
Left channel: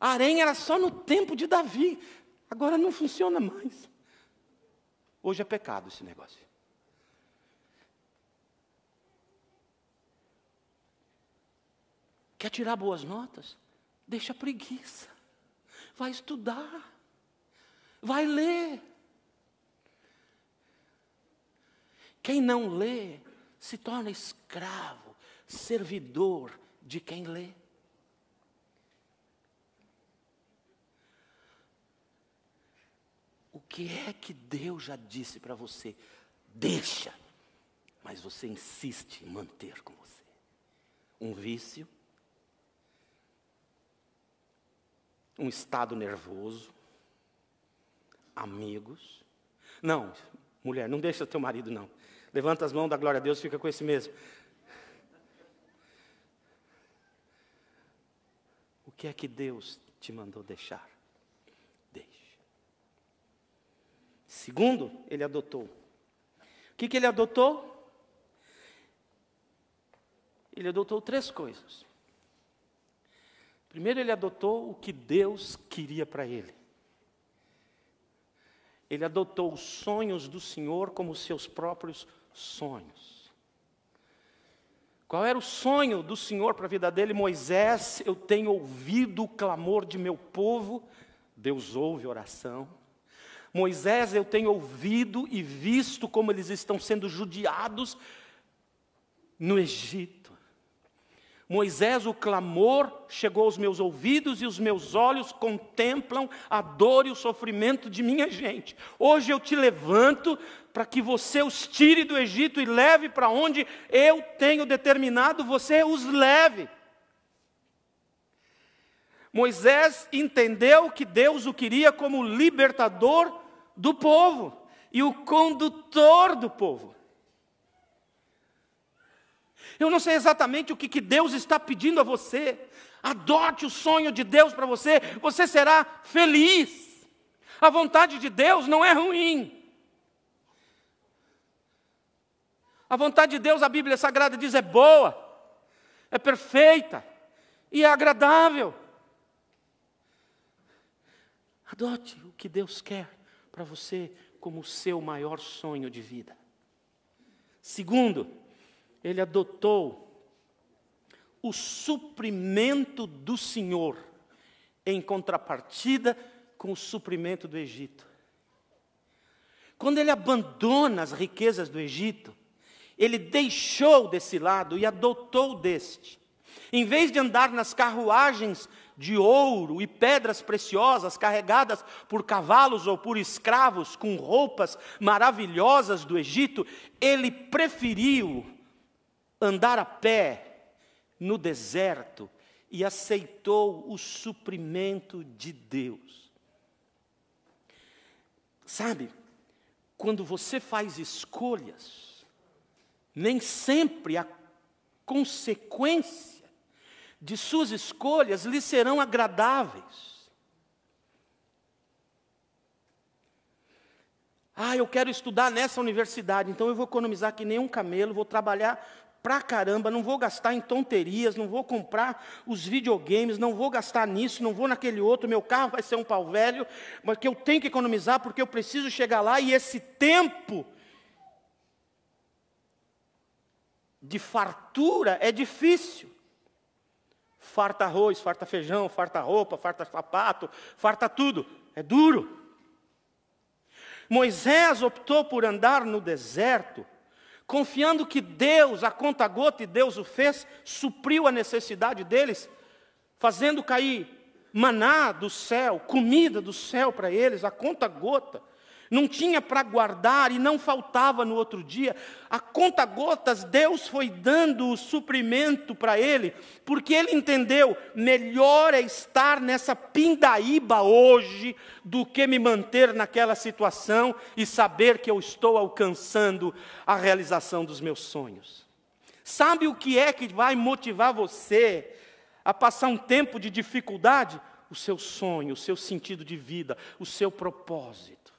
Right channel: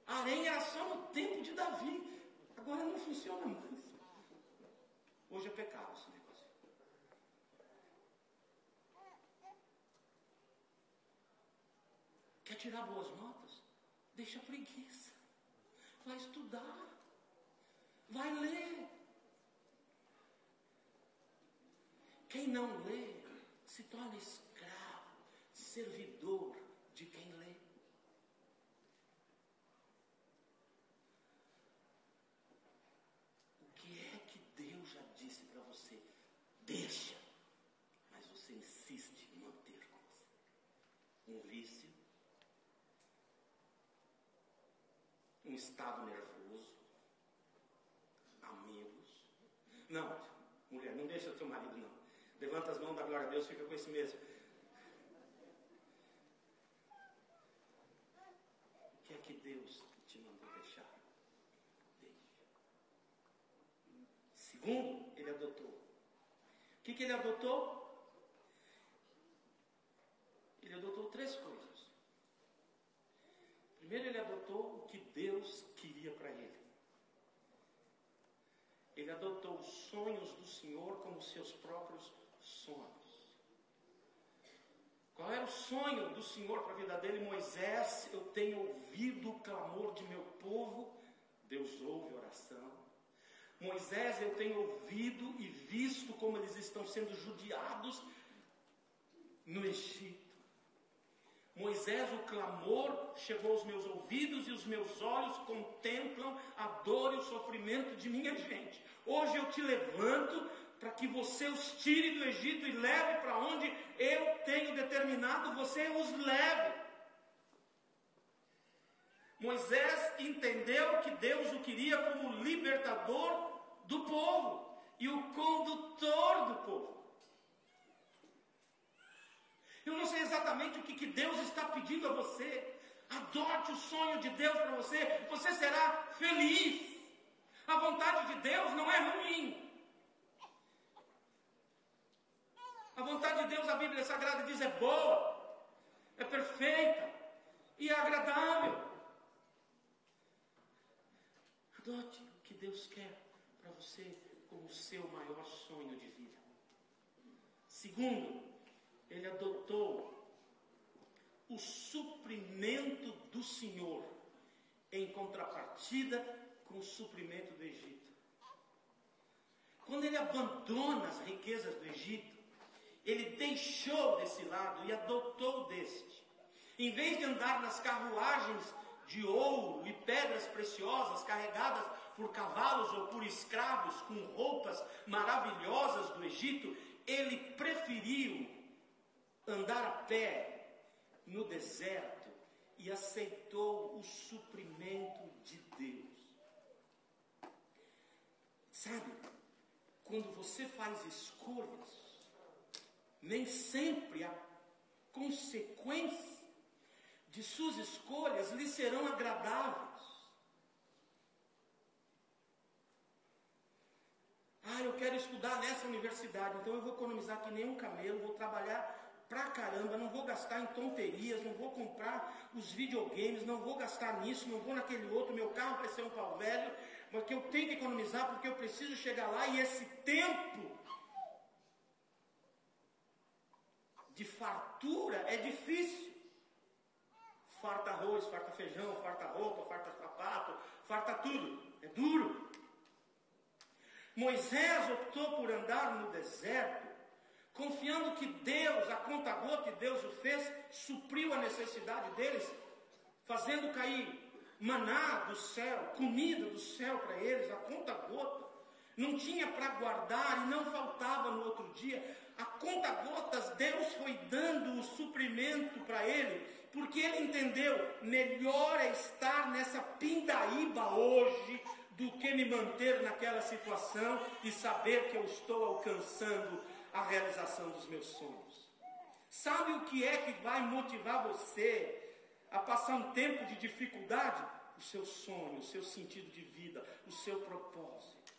Harém era só no tempo de Davi. Agora não funciona mais. Hoje é pecado esse negócio. Quer tirar boas notas? Deixa a preguiça. Vai estudar. Vai ler. Quem não lê se torna escravo, servidor de quem lê. O que é que Deus já disse para você? Deixa, mas você insiste em manter com você. Um vício, um estado nervoso, amigos. Não, mulher, não deixa teu marido não. Levanta as mãos, dá glória a Deus, fica com esse mesmo. O que é que Deus te mandou deixar? Deixa. Segundo, ele adotou. O que ele adotou? Ele adotou 3 coisas. Primeiro, ele adotou o que Deus queria para ele. Ele adotou os sonhos do Senhor como seus próprios sonhos. Qual era o sonho do Senhor para a vida dele? Moisés, eu tenho ouvido o clamor de meu povo. Deus ouve a oração. Moisés, eu tenho ouvido e visto como eles estão sendo judiados no Egito. Moisés, o clamor chegou aos meus ouvidos e os meus olhos contemplam a dor e o sofrimento de minha gente. Hoje eu te levanto para que você os tire do Egito e leve para onde eu tenho determinado, você os leve. Moisés entendeu que Deus o queria como libertador do povo e o condutor do povo. Eu não sei exatamente o que Deus está pedindo a você. Adote o sonho de Deus para você, você será feliz. A vontade de Deus não é ruim. A vontade de Deus, a Bíblia Sagrada diz, é boa, é perfeita e é agradável. Adote o que Deus quer para você como o seu maior sonho de vida. Segundo, ele adotou o suprimento do Senhor em contrapartida com o suprimento do Egito. Quando ele abandona as riquezas do Egito, ele deixou desse lado e adotou deste. Em vez de andar nas carruagens de ouro e pedras preciosas carregadas por cavalos ou por escravos com roupas maravilhosas do Egito, ele preferiu andar a pé no deserto e aceitou o suprimento de Deus. Sabe, quando você faz escolhas, nem sempre a consequência de suas escolhas lhe serão agradáveis. Eu quero estudar nessa universidade, então eu vou economizar que nem um camelo, vou trabalhar pra caramba, não vou gastar em tonterias, não vou comprar os videogames, não vou gastar nisso, não vou naquele outro, meu carro vai ser um pau velho, mas que eu tenho que economizar porque eu preciso chegar lá, e esse tempo de fartura é difícil. Farta arroz, farta feijão, farta roupa, farta sapato, farta tudo. É duro. Moisés optou por andar no deserto, confiando que Deus, a conta-gota, e Deus o fez, supriu a necessidade deles, fazendo cair maná do céu, comida do céu para eles, a conta-gota. Não tinha para guardar e não faltava no outro dia. A conta-gotas, Deus foi dando o suprimento para ele, porque ele entendeu, melhor é estar nessa pindaíba hoje, do que me manter naquela situação e saber que eu estou alcançando a realização dos meus sonhos. Sabe o que é que vai motivar você a passar um tempo de dificuldade? O seu sonho, o seu sentido de vida, o seu propósito.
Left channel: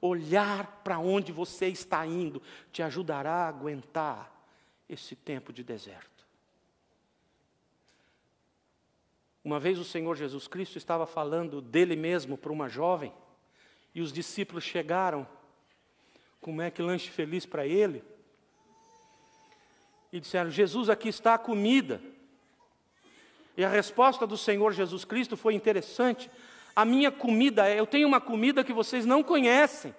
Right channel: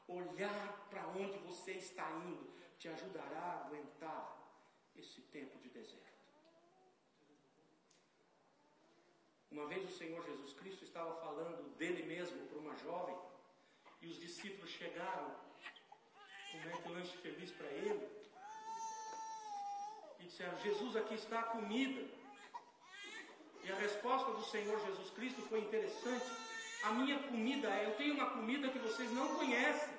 Olhar para onde você está indo te ajudará a aguentar esse tempo de deserto. Uma vez o Senhor Jesus Cristo estava falando dele mesmo para uma jovem, e os discípulos chegaram com um McLanche feliz para ele, e disseram: Jesus, aqui está a comida. E a resposta do Senhor Jesus Cristo foi interessante. A minha comida eu tenho uma comida que vocês não conhecem.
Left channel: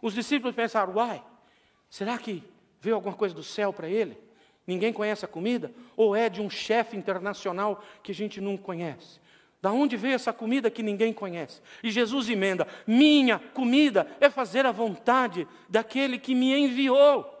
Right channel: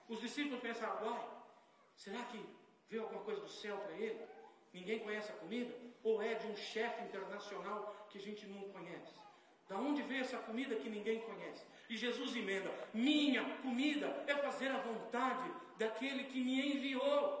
Os discípulos pensaram: uai, será que veio alguma coisa do céu para ele? Ninguém conhece a comida? Ou é de um chefe internacional que a gente não conhece? Da onde veio essa comida que ninguém conhece? E Jesus emenda: minha comida é fazer a vontade daquele que me enviou.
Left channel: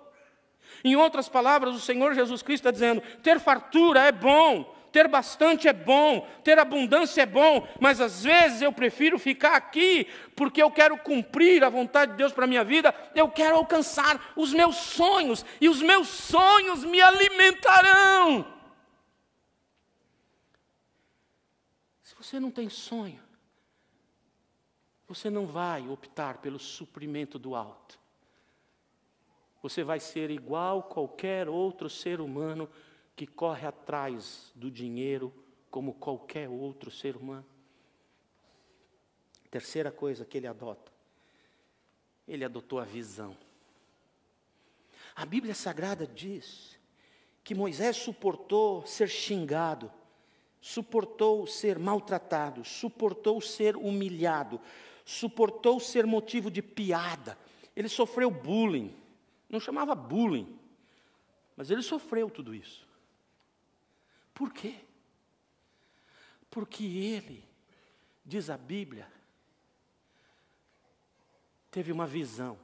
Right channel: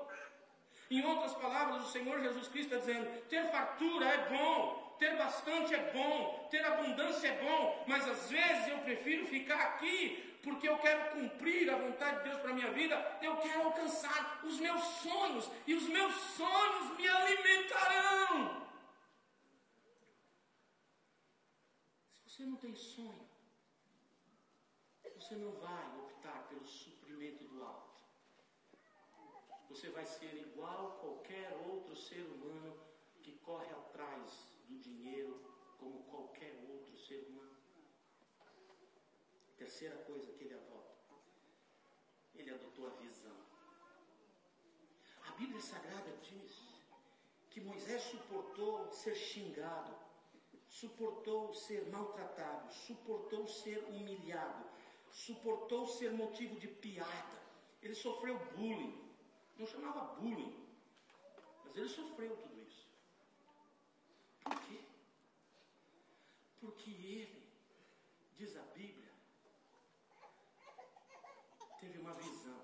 Em outras palavras, o Senhor Jesus Cristo está dizendo: ter fartura é bom, ter bastante é bom, ter abundância é bom, mas às vezes eu prefiro ficar aqui, porque eu quero cumprir a vontade de Deus para a minha vida, eu quero alcançar os meus sonhos, e os meus sonhos me alimentarão. Se você não tem sonho, você não vai optar pelo suprimento do alto. Você vai ser igual qualquer outro ser humano que corre atrás do dinheiro, como qualquer outro ser humano. Terceira coisa que ele adota: ele adotou a visão. A Bíblia Sagrada diz que Moisés suportou ser xingado, suportou ser maltratado, suportou ser humilhado, suportou ser motivo de piada. Ele sofreu bullying. Não chamava bullying, mas ele sofreu tudo isso. Por quê? Porque ele, diz a Bíblia, teve uma visão.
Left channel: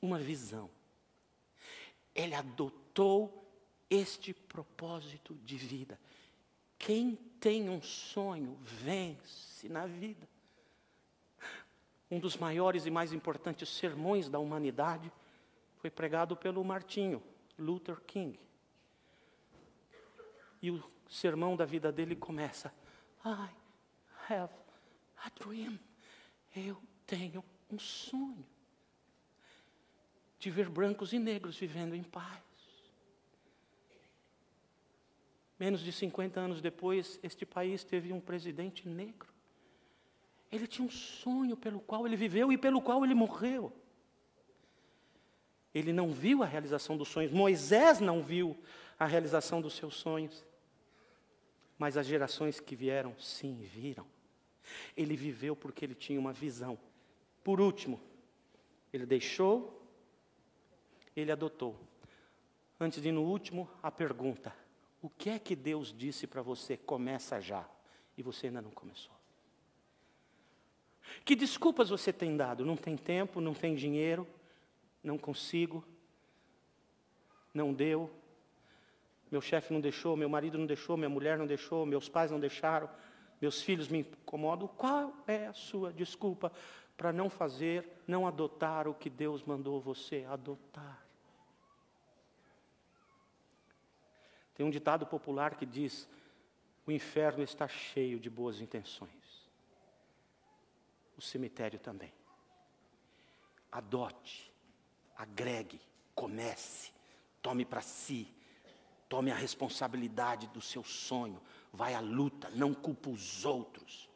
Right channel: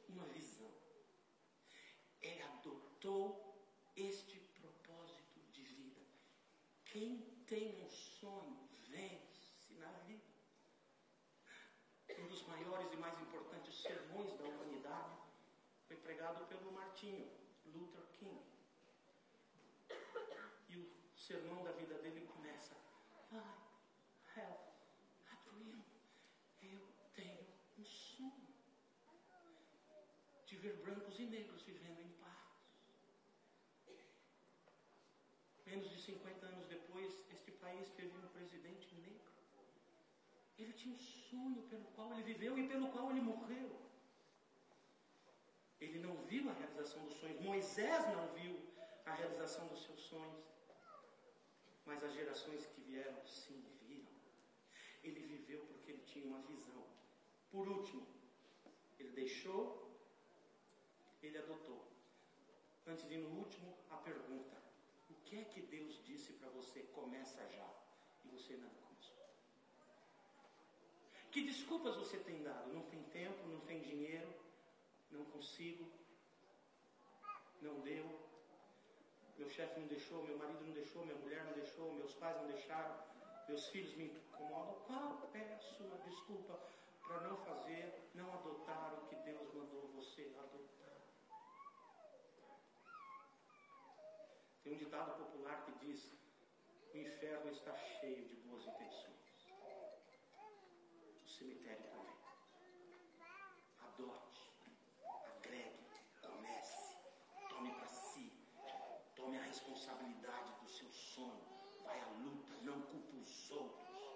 Uma visão. Ele adotou este propósito de vida. Quem tem um sonho, vence na vida. Um dos maiores e mais importantes sermões da humanidade foi pregado pelo Martinho Luther King. E o sermão da vida dele começa: I have a dream. Eu tenho um sonho de ver brancos e negros vivendo em paz. Menos de 50 anos depois, este país teve um presidente negro. Ele tinha um sonho pelo qual ele viveu e pelo qual ele morreu. Ele não viu a realização dos sonhos. Moisés não viu a realização dos seus sonhos. Mas as gerações que vieram, sim, viram. Ele viveu porque ele tinha uma visão. Por último, ele deixou, ele adotou. Antes de ir no último, a pergunta: o que é que Deus disse para você? Começa já. E você ainda não começou. Que desculpas você tem dado? Não tem tempo, não tem dinheiro, não consigo, não deu, meu chefe não deixou, meu marido não deixou, minha mulher não deixou, meus pais não deixaram, meus filhos me incomodam. Qual é a sua desculpa para não fazer, não adotar o que Deus mandou você adotar? Tem um ditado popular que diz: o inferno está cheio de boas intenções. O cemitério também. Adote, agregue, comece, tome para si, tome a responsabilidade do seu sonho, vai à luta, não culpa os outros.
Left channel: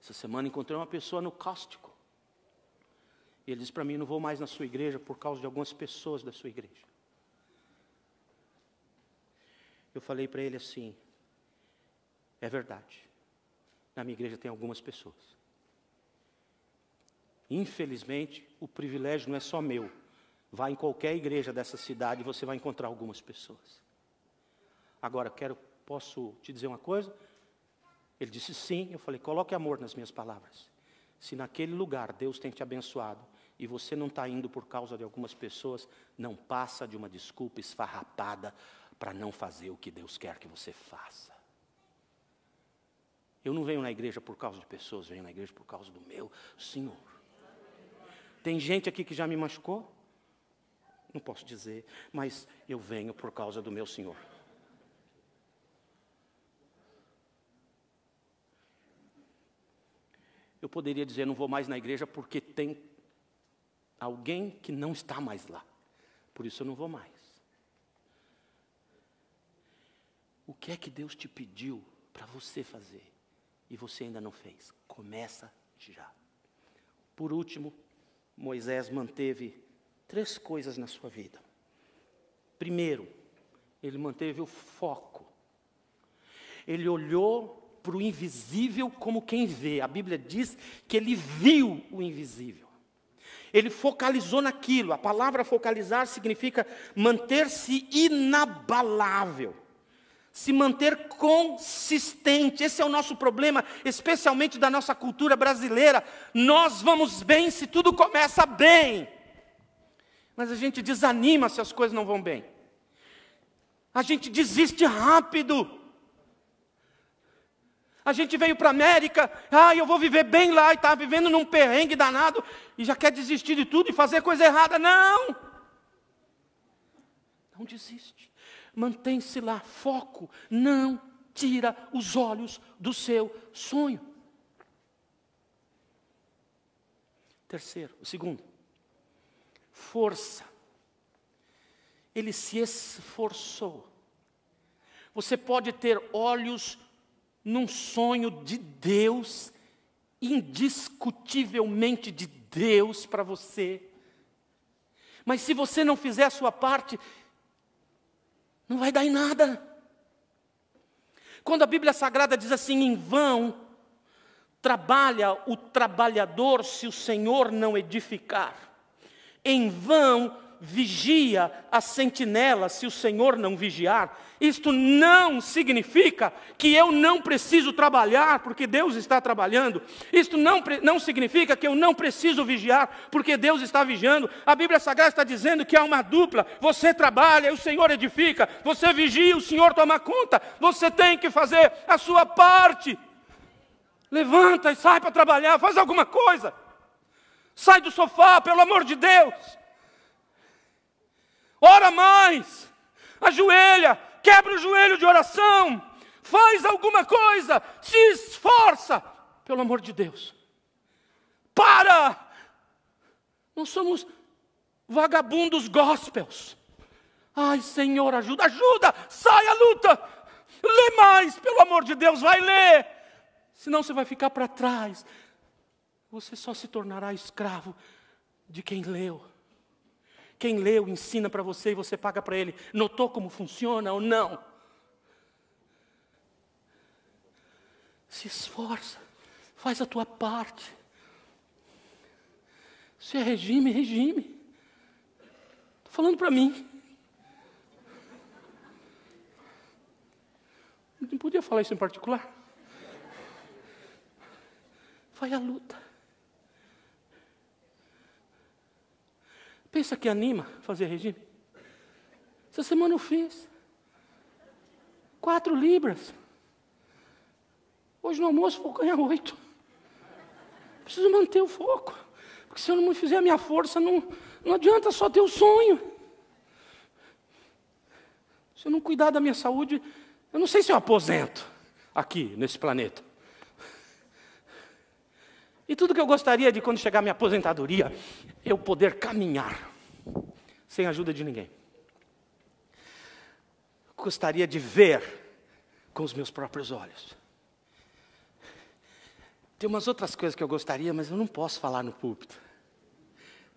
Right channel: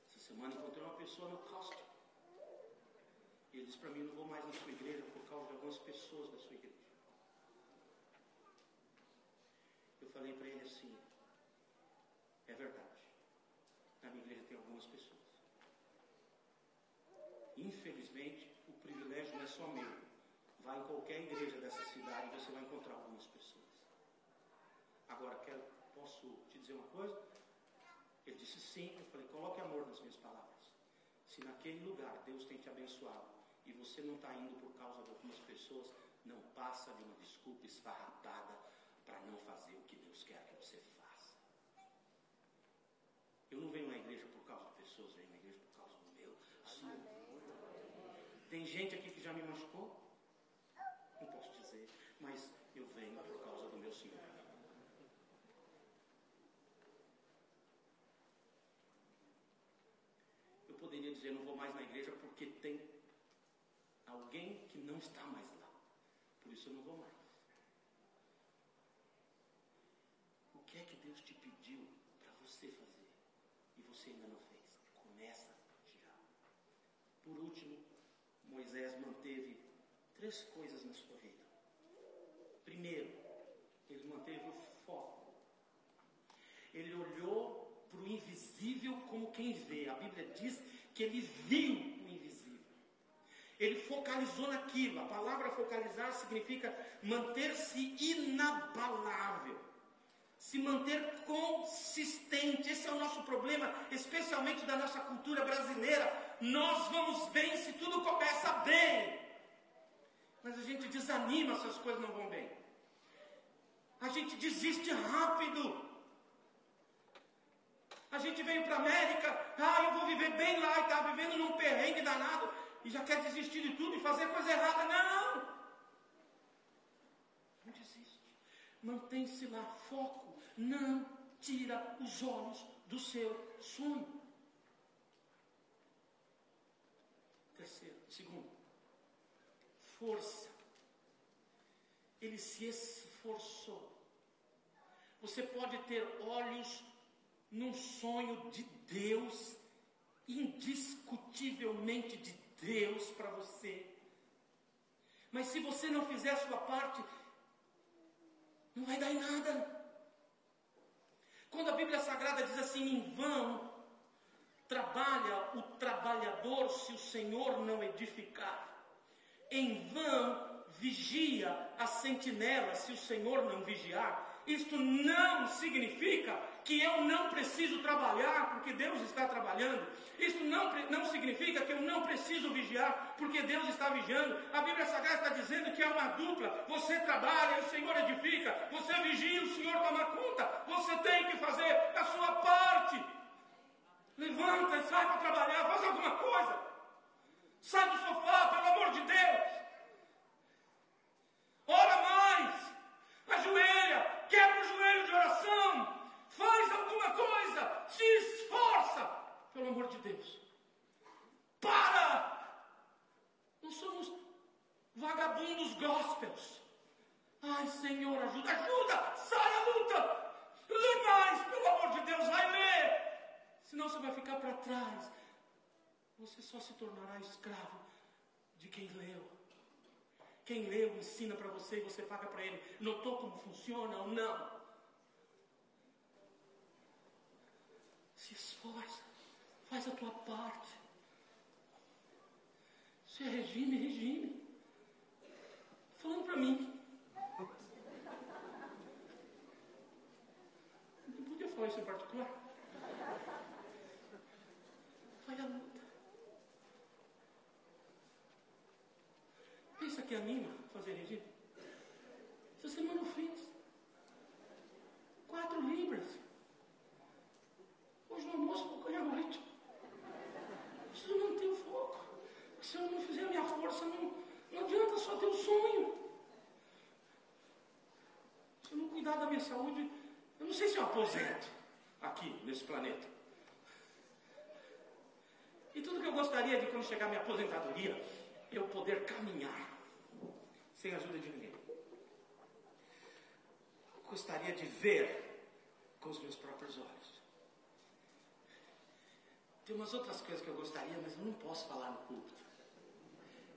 Essa semana encontrei uma pessoa no Cáustico, e ele disse para mim: não vou mais na sua igreja por causa de algumas pessoas da sua igreja. Eu falei para ele assim: é verdade. Na minha igreja tem algumas pessoas. Infelizmente, o privilégio não é só meu. Vá em qualquer igreja dessa cidade e você vai encontrar algumas pessoas. Agora, posso te dizer uma coisa? Ele disse sim. Eu falei, coloque amor nas minhas palavras. Se naquele lugar Deus tem te abençoado e você não está indo por causa de algumas pessoas, não passa de uma desculpa esfarrapada para não fazer o que Deus quer que você faça. Eu não venho na igreja por causa de pessoas, venho na igreja por causa do meu Senhor. Tem gente aqui que já me machucou? Não posso dizer, mas eu venho por causa do meu Senhor. Eu poderia dizer, não vou mais na igreja porque tem alguém que não está mais lá. Por isso eu não vou mais. O que é que Deus te pediu para você fazer e você ainda não fez? Começa já. Por último, Moisés manteve 3 coisas na sua vida. Primeiro, ele manteve o foco. Ele olhou para o invisível como quem vê. A Bíblia diz que ele viu o invisível. Ele focalizou naquilo. A palavra focalizar significa manter-se inabalável. Se manter consistente. Esse é o nosso problema, especialmente da nossa cultura brasileira. Nós vamos bem se tudo começa bem. Mas a gente desanima se as coisas não vão bem. A gente desiste rápido. A gente veio para a América, eu vou viver bem lá, e está vivendo num perrengue danado, e já quer desistir de tudo e fazer coisa errada. Não! Não desiste. Mantém-se lá, foco. Não tira os olhos do seu sonho. Terceiro, o segundo. Força. Ele se esforçou. Você pode ter olhos num sonho de Deus, indiscutivelmente de Deus para você. Mas se você não fizer a sua parte, não vai dar em nada. Quando a Bíblia Sagrada diz assim, em vão trabalha o trabalhador se o Senhor não edificar. Em vão vigia a sentinela se o Senhor não vigiar. Isto não significa que eu não preciso trabalhar porque Deus está trabalhando. Isto não significa que eu não preciso vigiar porque Deus está vigiando. A Bíblia Sagrada está dizendo que há uma dupla. Você trabalha e o Senhor edifica. Você vigia e o Senhor toma conta. Você tem que fazer a sua parte. Levanta e sai para trabalhar. Faz alguma coisa. Sai do sofá, pelo amor de Deus. Ora mais. Ajoelha. Quebra o joelho de oração. Faz alguma coisa. Se esforça. Pelo amor de Deus. Para. Não somos vagabundos gospels. Ai, Senhor, ajuda. Sai à luta. Lê mais, pelo amor de Deus. Vai ler. Senão você vai ficar para trás. Você só se tornará escravo de quem leu. Quem leu ensina para você e você paga para ele. Notou como funciona ou não? Se esforça. Faz a tua parte. Se é regime, regime. Estou falando para mim. Não podia falar isso em particular? Vai à luta. Pensa que anima fazer regime? Essa semana eu fiz 4 libras. Hoje no almoço vou ganhar 8. Preciso manter o foco. Porque se eu não fizer a minha força, não adianta só ter o sonho. Se eu não cuidar da minha saúde, eu não sei se eu aposento aqui nesse planeta. E tudo que eu gostaria de quando chegar a minha aposentadoria, eu poder caminhar sem a ajuda de ninguém. Gostaria de ver com os meus próprios olhos. Tem umas outras coisas que eu gostaria, mas eu não posso falar no púlpito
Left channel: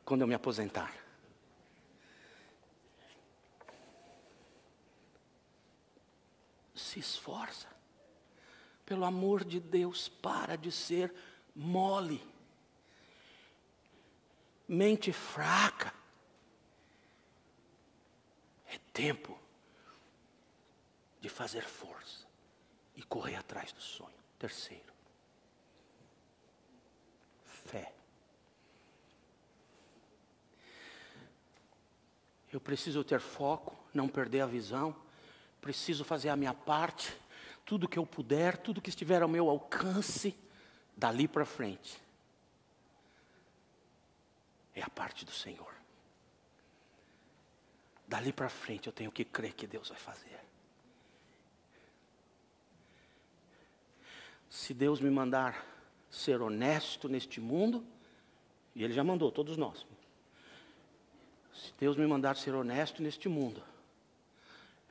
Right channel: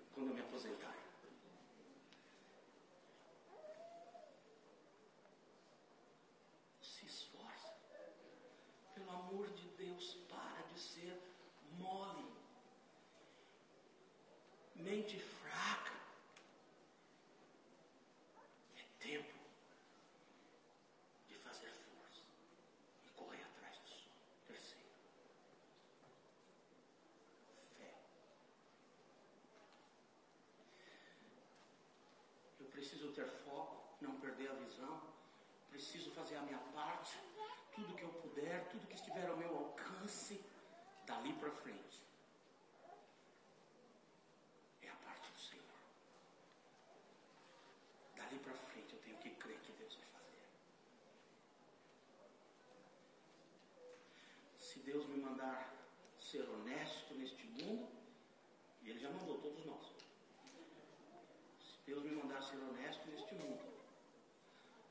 quando eu me aposentar. Se esforça. Pelo amor de Deus, para de ser mole. Mente fraca. É tempo de fazer força e correr atrás do sonho. Terceiro, fé. Eu preciso ter foco, não perder a visão. Preciso fazer a minha parte. Tudo que eu puder, tudo que estiver ao meu alcance, dali para frente. É a parte do Senhor. Dali para frente eu tenho que crer que Deus vai fazer. Se Deus me mandar ser honesto neste mundo, e Ele já mandou, todos nós. Se Deus me mandar ser honesto neste mundo,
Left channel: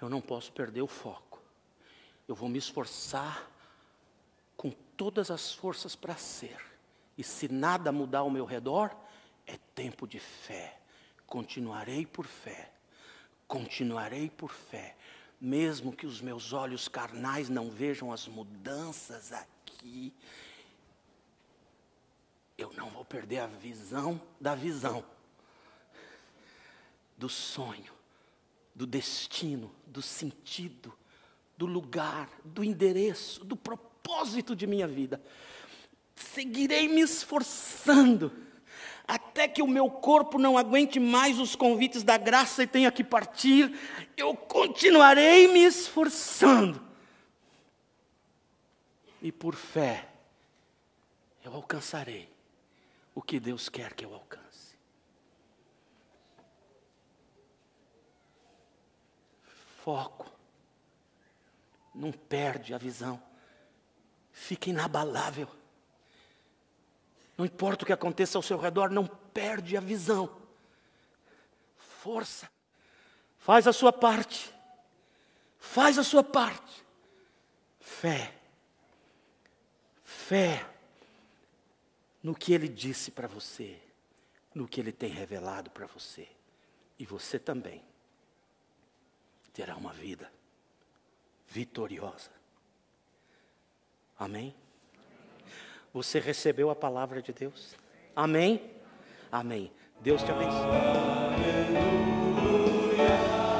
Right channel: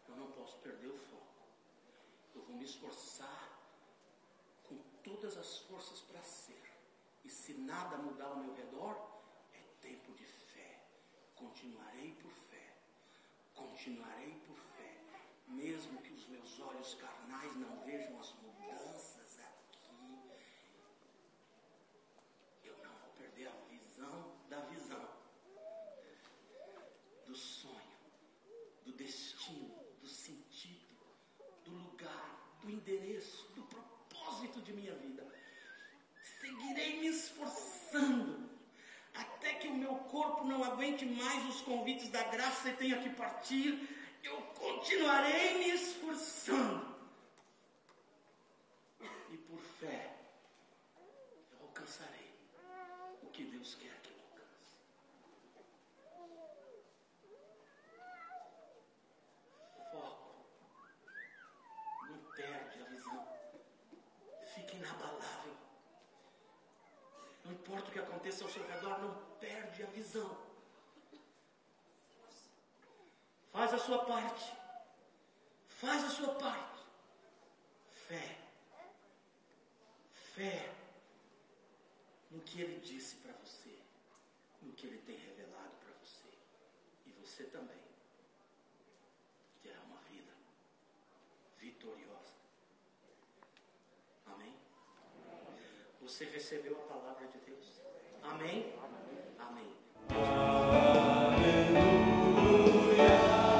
eu não posso perder o foco. Eu vou me esforçar com todas as forças para ser. E se nada mudar ao meu redor, é tempo de fé. Continuarei por fé. Continuarei por fé. Mesmo que os meus olhos carnais não vejam as mudanças aqui, eu não vou perder a visão da visão. Do sonho, do destino, do sentido, do lugar, do endereço, do propósito de minha vida. Seguirei me esforçando, até que o meu corpo não aguente mais os convites da graça e tenha que partir. Eu continuarei me esforçando. E por fé, eu alcançarei o que Deus quer que eu alcance. Foco. Não perde a visão. Fica inabalável. Não importa o que aconteça ao seu redor, não perde a visão. Força. Faz a sua parte. Faz a sua parte. Fé. Fé no que Ele disse para você, no que Ele tem revelado para você. E você também terá uma vida vitoriosa. Amém? Você recebeu a palavra de Deus? Amém? Amém. Deus te abençoe. Aleluia.